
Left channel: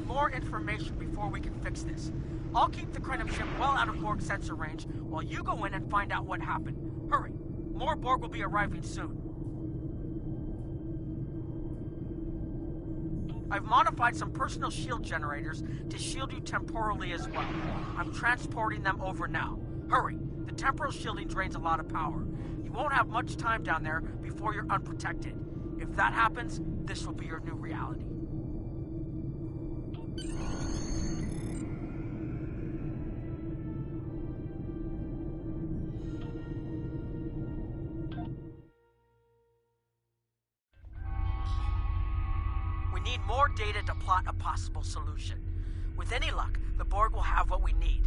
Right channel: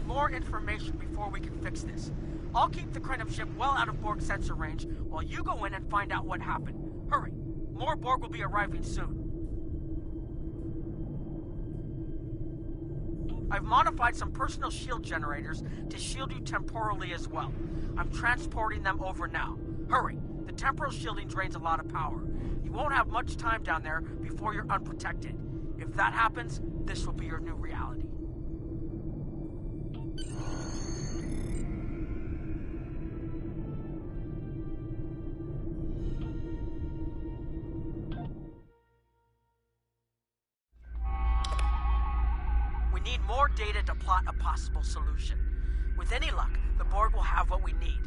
More information before we can fix this. I'll keep the Krenim ship well out of Borg sensor range while you go in and find out what happened. Hurry! More Borg will be arriving soon. I've modified some personal shield generators to shield you temporally as well. I'm transporting them over now. Hurry! The temporal shielding drains a lot of power. You won't have much time down there before you're unprotected. If that happens, this will be your new reality. We need more data to plot a possible solution. With any luck, the Borg will have what we need.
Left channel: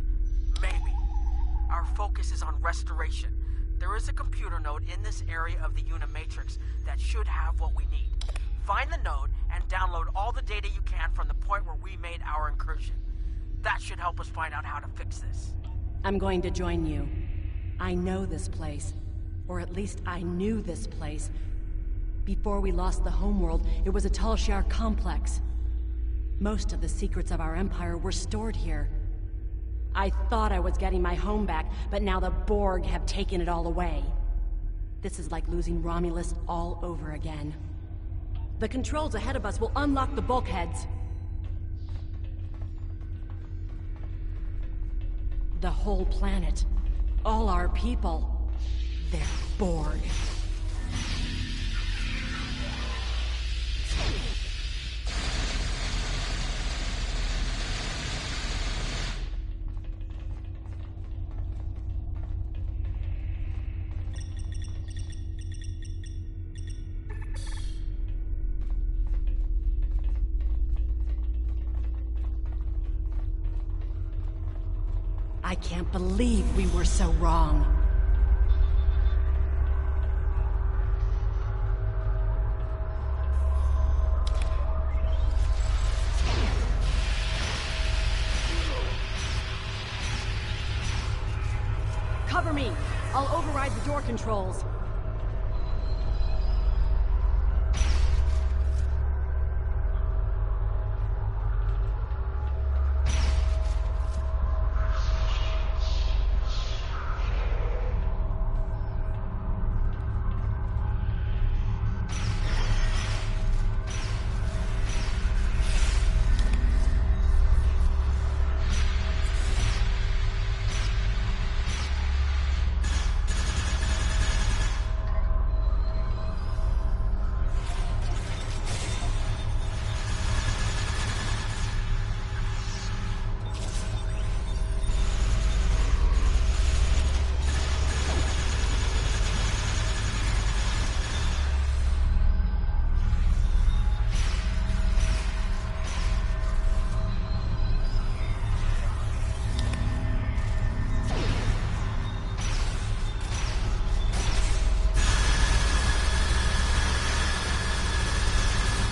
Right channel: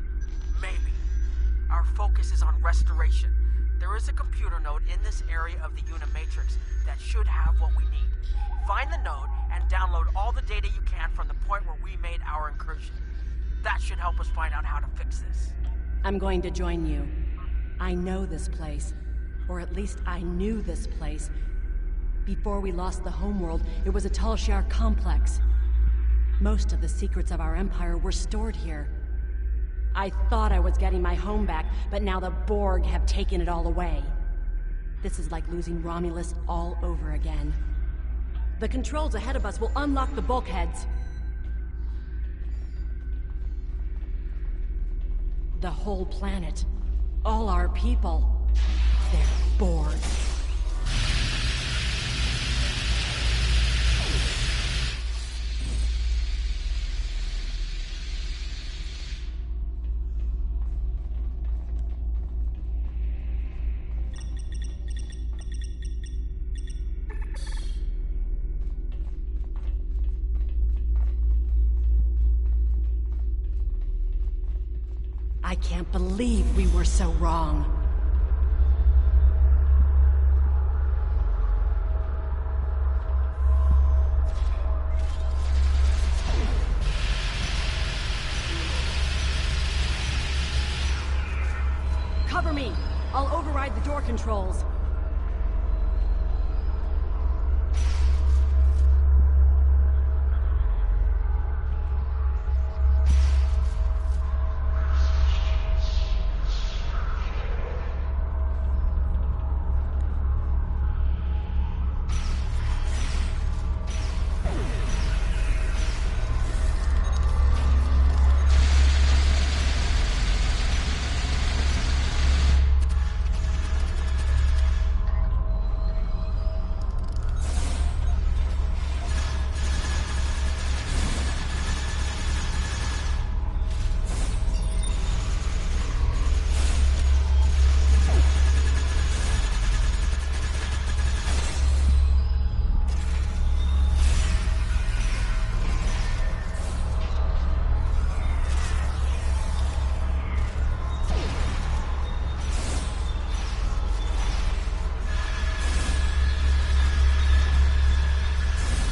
Maybe. Our focus is on restoration. There is a computer node in this area of the Unimatrix that should have what we need. Find the node and download all the data you can from the point where we made our incursion. That should help us find out how to fix this. I'm going to join you. I know this place. Or at least I knew this place. Before we lost the homeworld, it was a Tal-Shiar complex. Most of the secrets of our empire were stored here. I thought I was getting my home back, but now the Borg have taken it all away. This is like losing Romulus all over again. The controls ahead of us will unlock the bulkheads. The whole planet. All our people. They're Borg. I can't believe we were so wrong. Cover me! I'll override the door controls.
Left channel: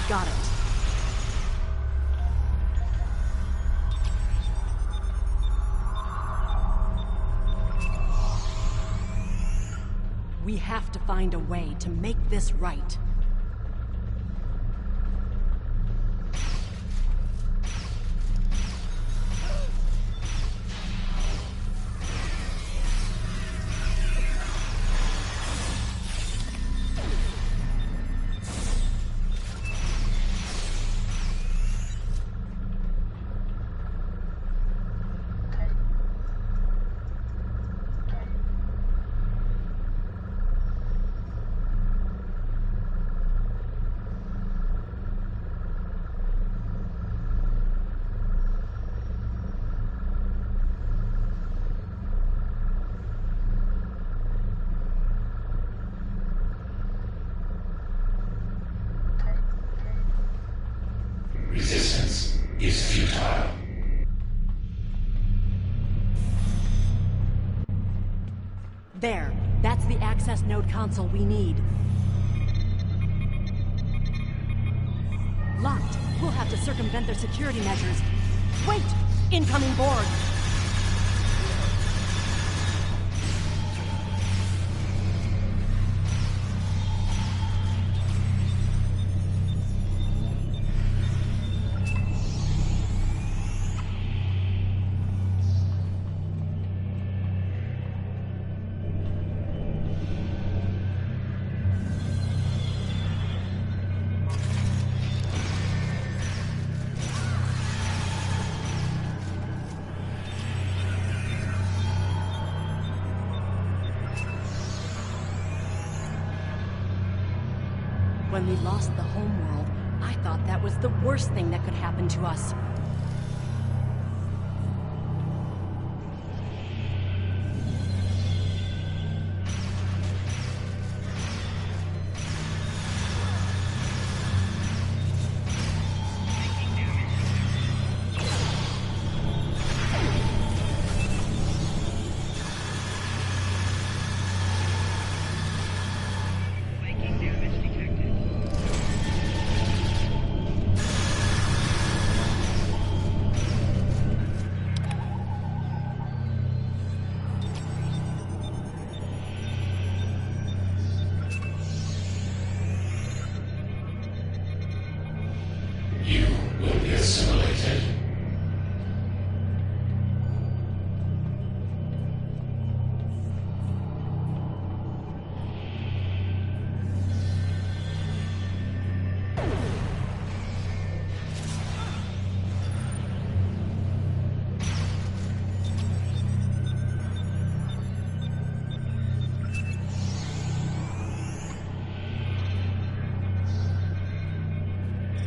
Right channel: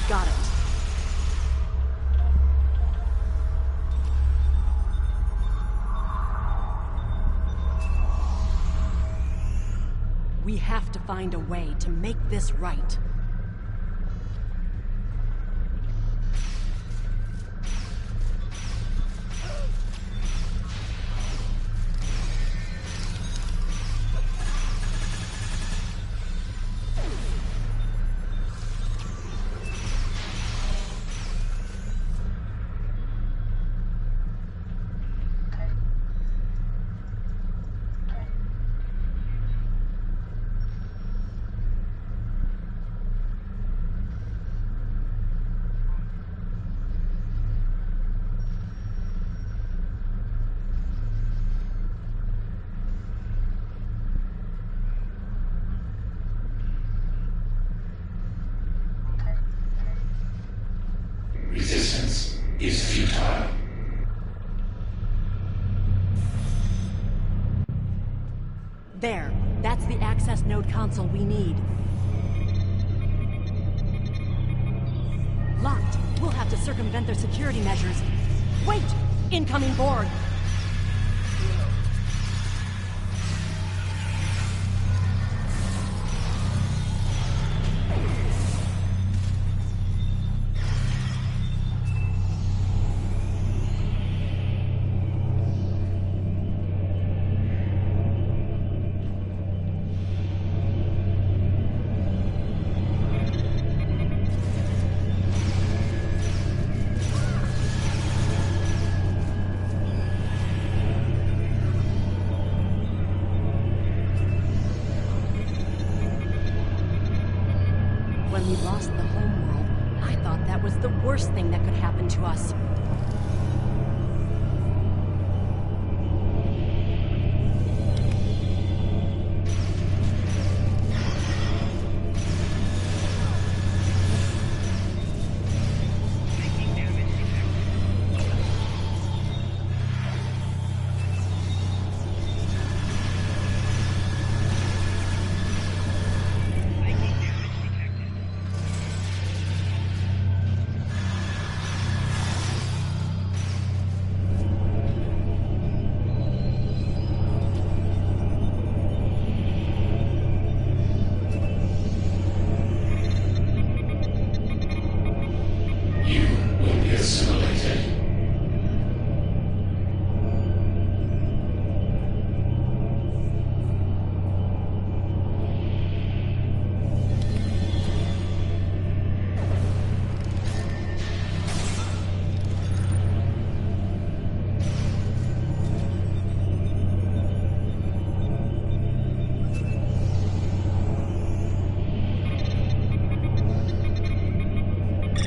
Got it. We have to find a way to make this right. Resistance is futile. There. That's the access node console we need. Locked. We'll have to circumvent their security measures. Wait! Incoming Borg! When we lost the homeworld, I thought that was the worst thing that could happen to us.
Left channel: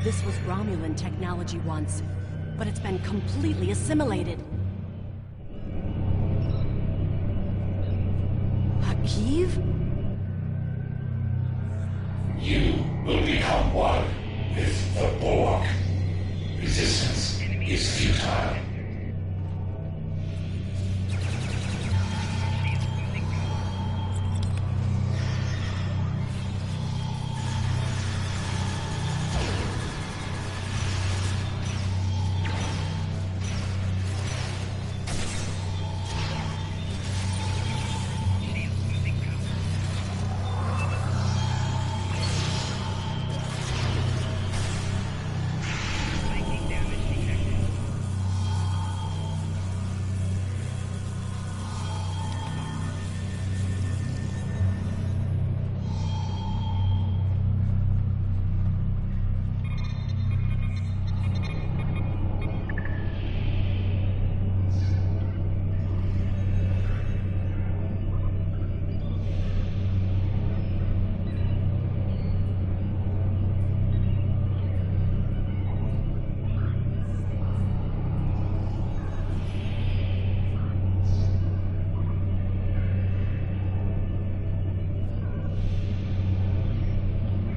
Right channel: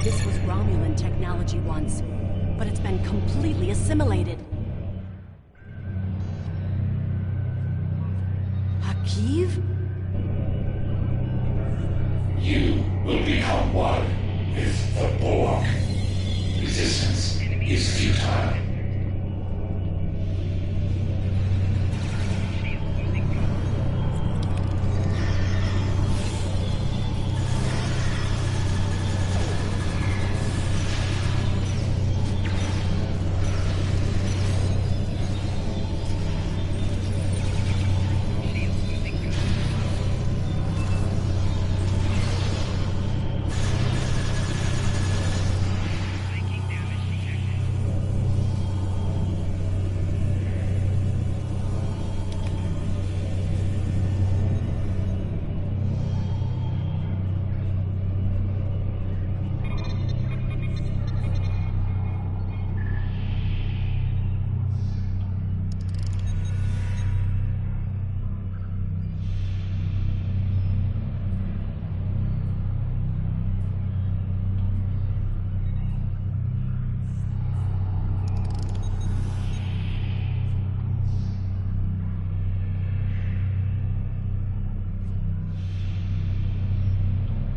This was Romulan technology once, but it's been completely assimilated. Hakiv? You will become one with the Borg. Resistance is futile.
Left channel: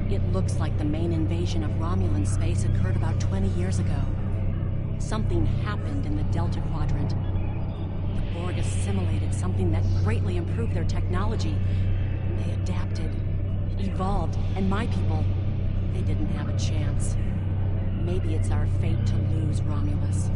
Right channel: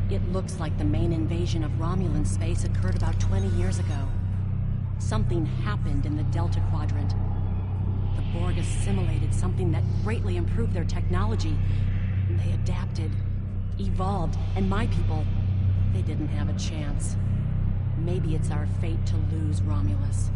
It looks like the main invasion of Romulan space occurred about 20 years ago. Something happened in the Delta Quadrant. The Borg assimilated something that greatly improved their technology. They adapted, evolved, and my people, They didn't have a chance. Maybe it's our fate to lose Romulus.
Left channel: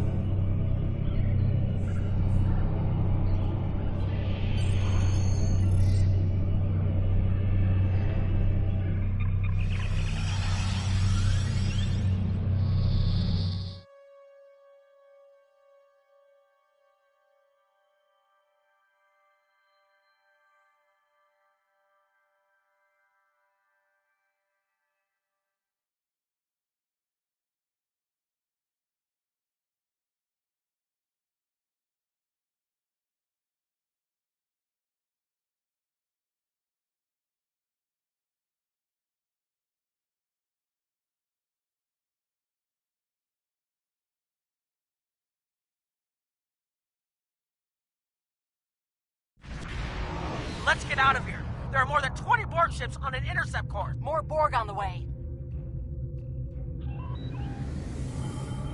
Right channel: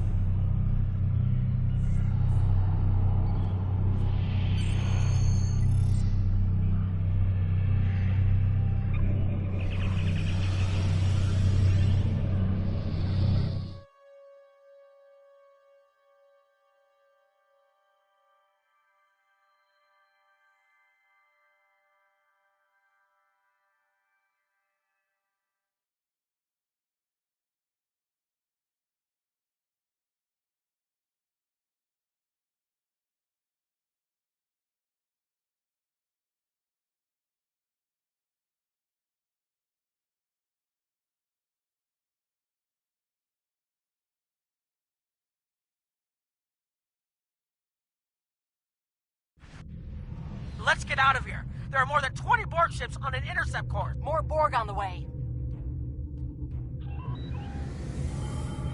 Let's get out of here. There are more than 20 Borg ships on an intercept course. More Borg on the way.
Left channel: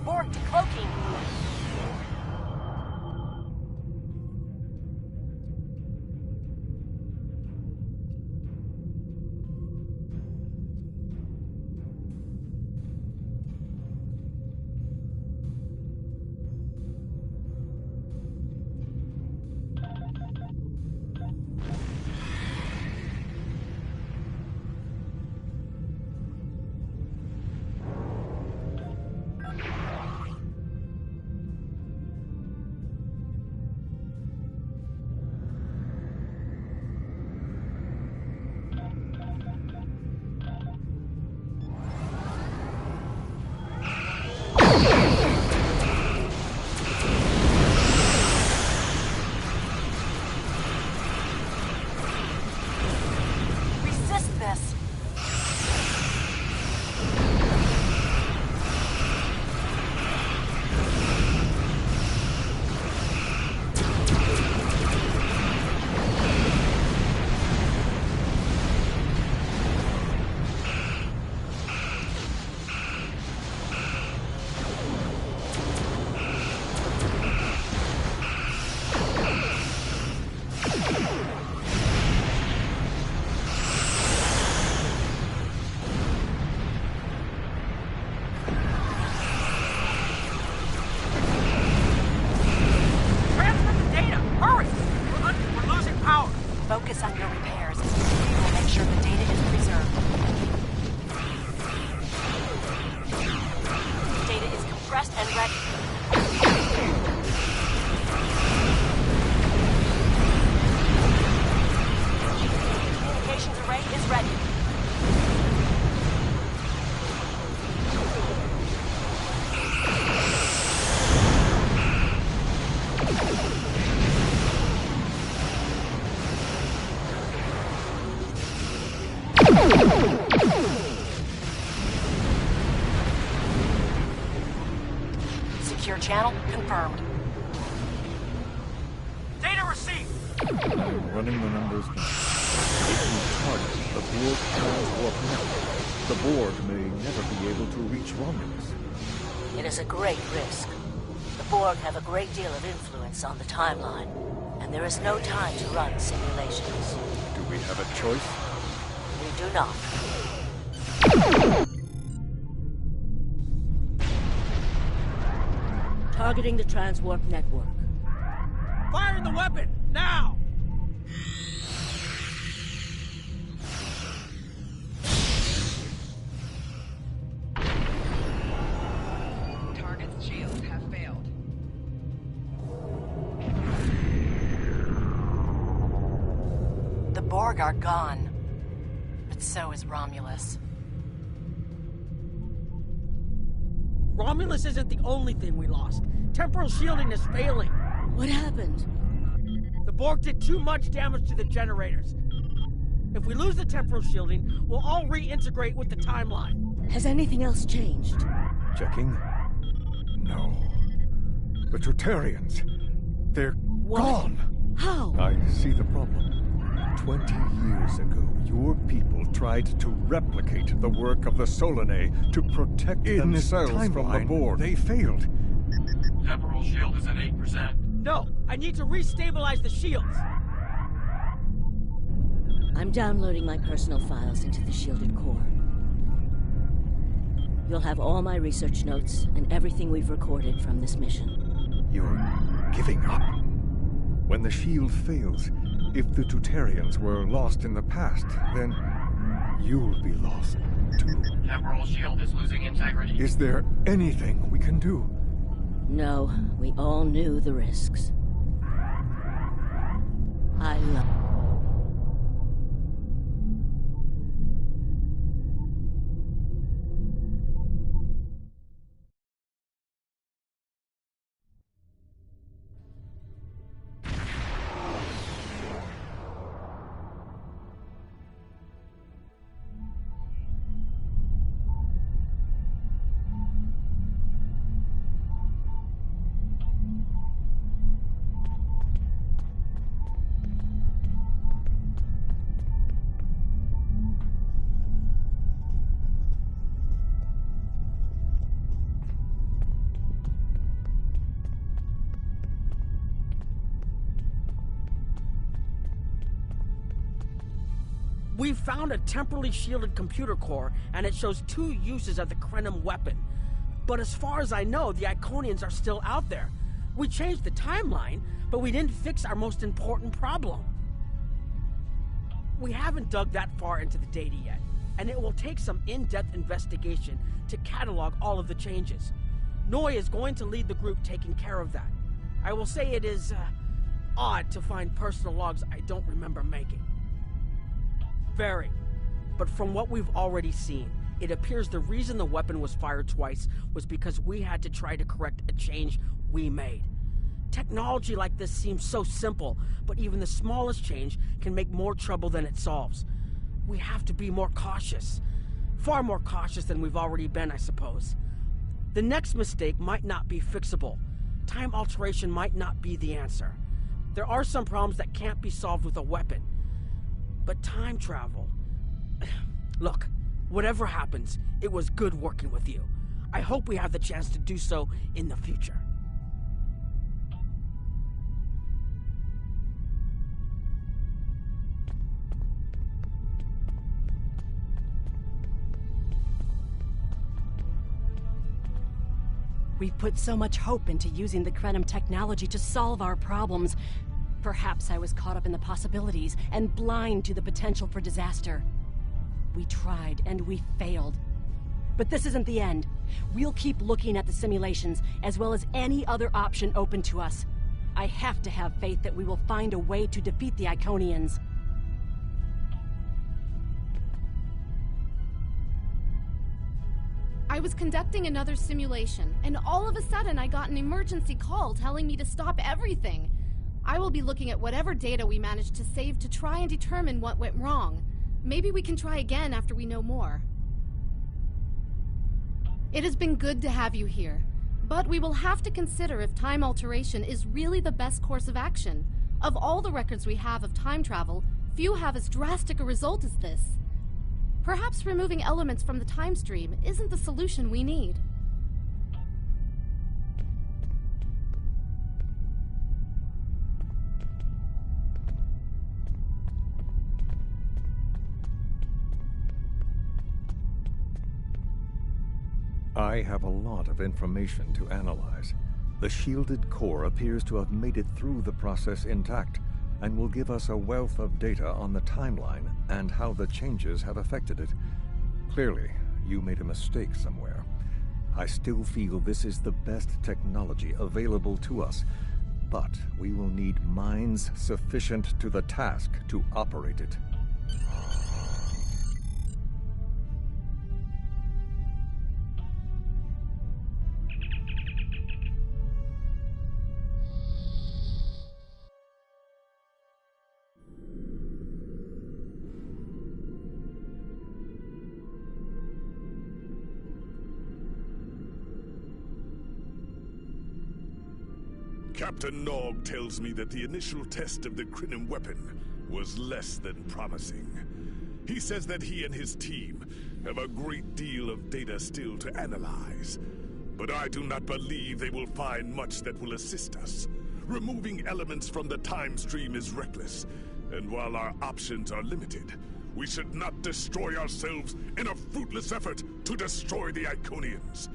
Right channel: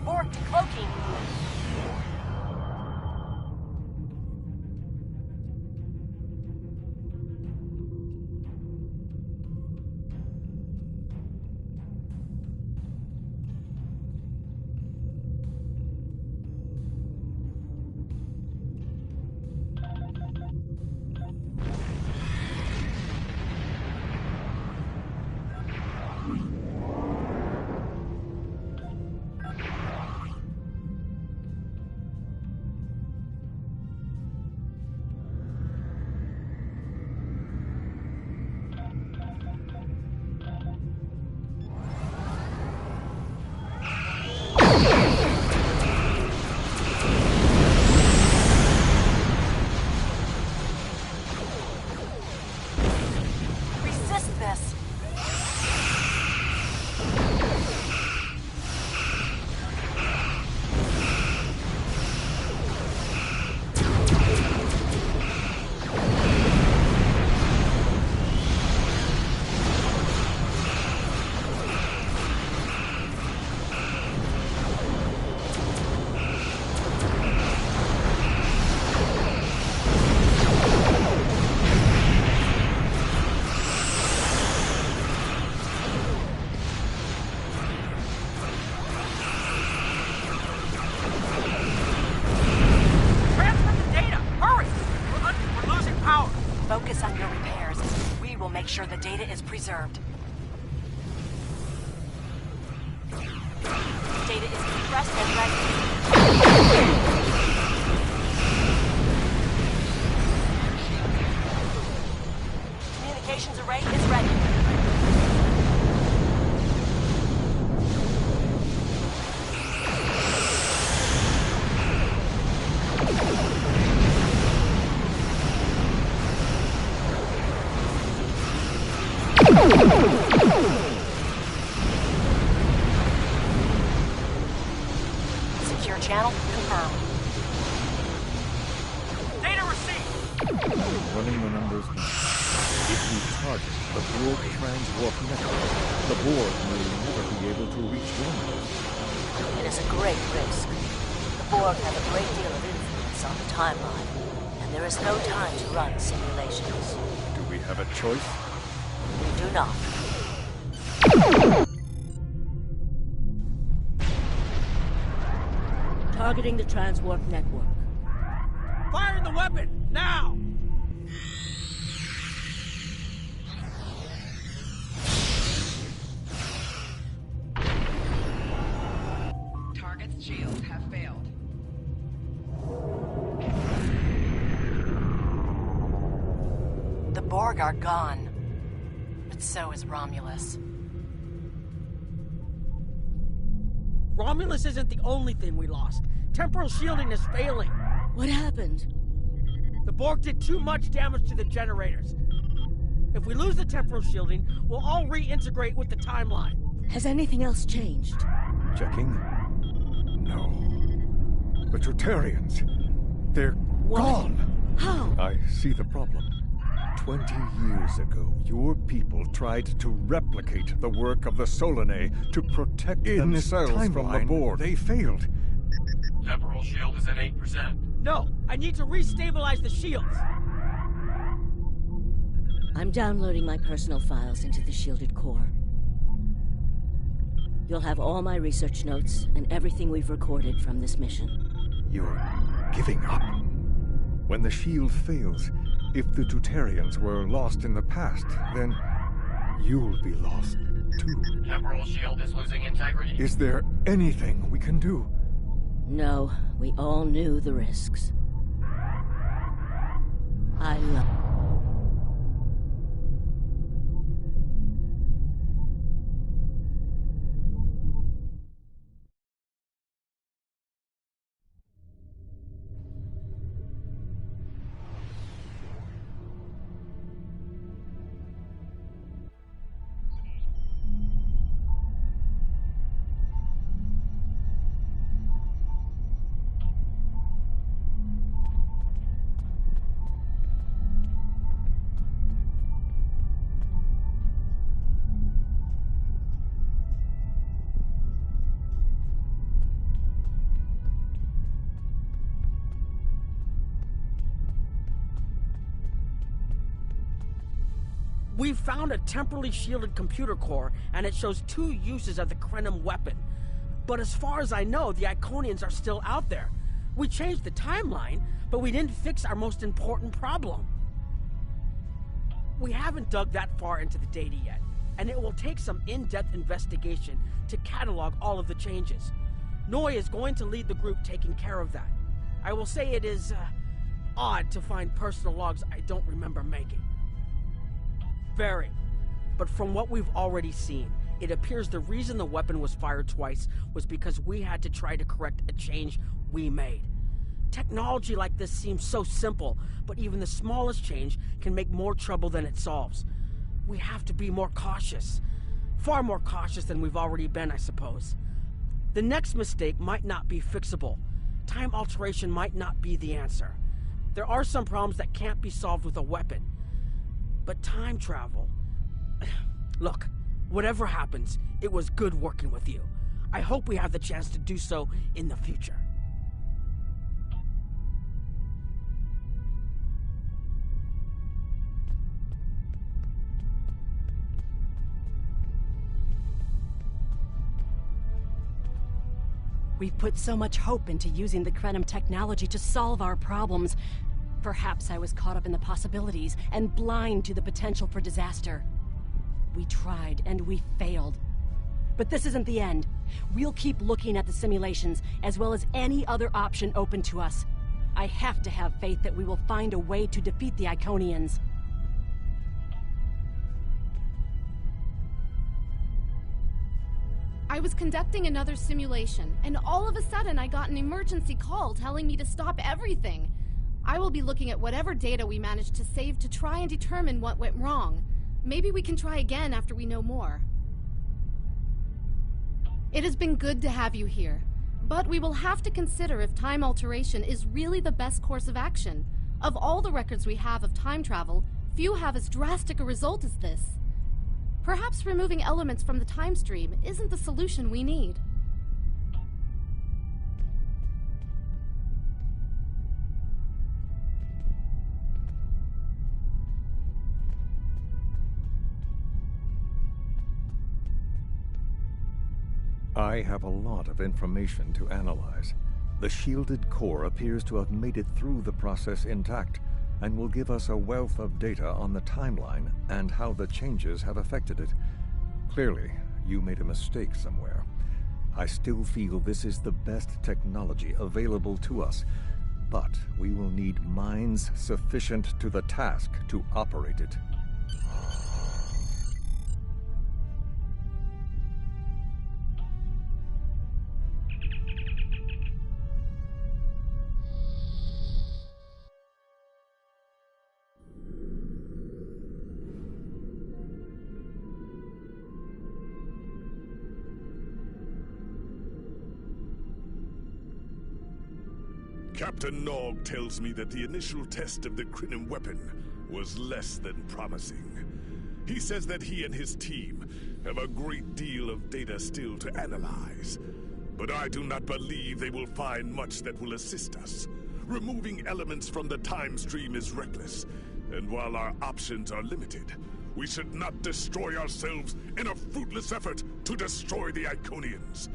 Borg decloaking. Focus on your repairs. We will make sure the data is preserved. Data is compressed and ready. Communications array is ready. Secure channel confirmed. Data received! Running the numbers now. If we target the Borg transwarp network, the Borg may never be able to reach Romulus. It is a great risk. The Borg have a great deal of influence on the timeline, and there is no time to run simulations. Do we have a choice? We do not. Targeting the transwarp network. Fire the weapon, now! Target's shields have failed. The Borg are gone. But so is Romulus. Romulus isn't the only thing we lost. Temporal shielding is failing. What happened? The Borg did too much damage to the generators. If we lose the temporal shielding, we'll all reintegrate with the timeline. Has anything else changed? Checking? No. The Tutarians. They're gone. How? I see the problem. 20 years ago, your people tried to replicate the work of the Solanae to protect themselves from the Borg. They failed. Temporal shield is at 8%. No, I need to restabilize the shields. I'm downloading my personal files into the shielded core. You'll have all my research notes and everything we've recorded from this mission. You're giving up? When the shield fails, if the Tutarians were lost in the past, then you'll be lost too. Temporal shield is losing integrity. Is there anything we can do? No, we all knew the risks. I love... We've found a temporally shielded computer core, and it shows 2 uses of the Krenim weapon. But as far as I know, the Iconians are still out there. We changed the timeline, but we didn't fix our most important problem. We haven't dug that far into the data yet, and it will take some in-depth investigation to catalog all of the changes. Noi is going to lead the group taking care of that. I will say it is, odd to find personal logs I don't remember making. Very. But from what we've already seen, it appears the reason the weapon was fired twice was because we had to try to correct a change we made. Technology like this seems so simple, but even the smallest change can make more trouble than it solves. We have to be more cautious. Far more cautious than we've already been, I suppose. The next mistake might not be fixable. Time alteration might not be the answer. There are some problems that can't be solved with a weapon. But time travel... Look, whatever happens, it was good working with you. I hope we have the chance to do so in the future. We've put so much hope into using the Krenim technology to solve our problems. Perhaps I was caught up in the possibilities and blind to the potential for disaster. We tried and we failed. But this isn't the end. We'll keep looking at the simulations as well as any other option open to us. I have to have faith that we will find a way to defeat the Iconians. I was conducting another simulation, and all of a sudden I got an emergency call telling me to stop everything. I will be looking at whatever data we managed to save to try and determine what went wrong. Maybe we can try again after we know more. It has been good to have you here, but we will have to consider if time alteration is really the best course of action. Of all the records we have of time travel, few have as drastic a result as this. Perhaps removing elements from the time stream isn't the solution we need. I have a lot of information to analyze. The shielded core appears to have made it through the process intact, and will give us a wealth of data on the timeline and how the changes have affected it. Clearly, you made a mistake somewhere. I still feel this is the best technology available to us, but we will need minds sufficient to the task to operate it. Captain Nog tells me that the initial test of the Krenim weapon was less than promising. He says that he and his team have a great deal of data still to analyze. But I do not believe they will find much that will assist us. Removing elements from the time stream is reckless, and while our options are limited, We should not destroy ourselves in a fruitless effort to destroy the Iconians.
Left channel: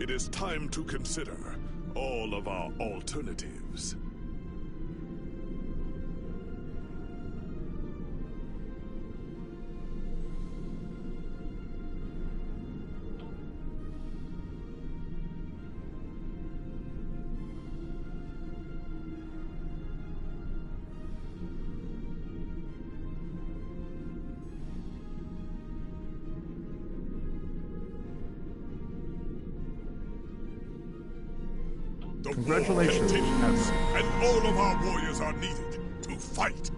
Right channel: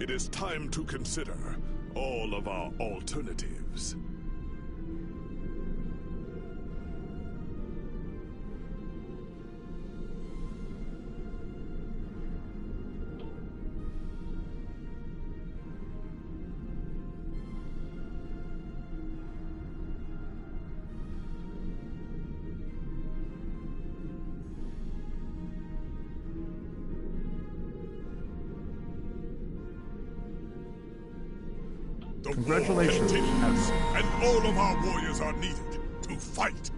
It is time to consider all of our alternatives. The Congratulations, war continues, and all of our warriors are needed to fight.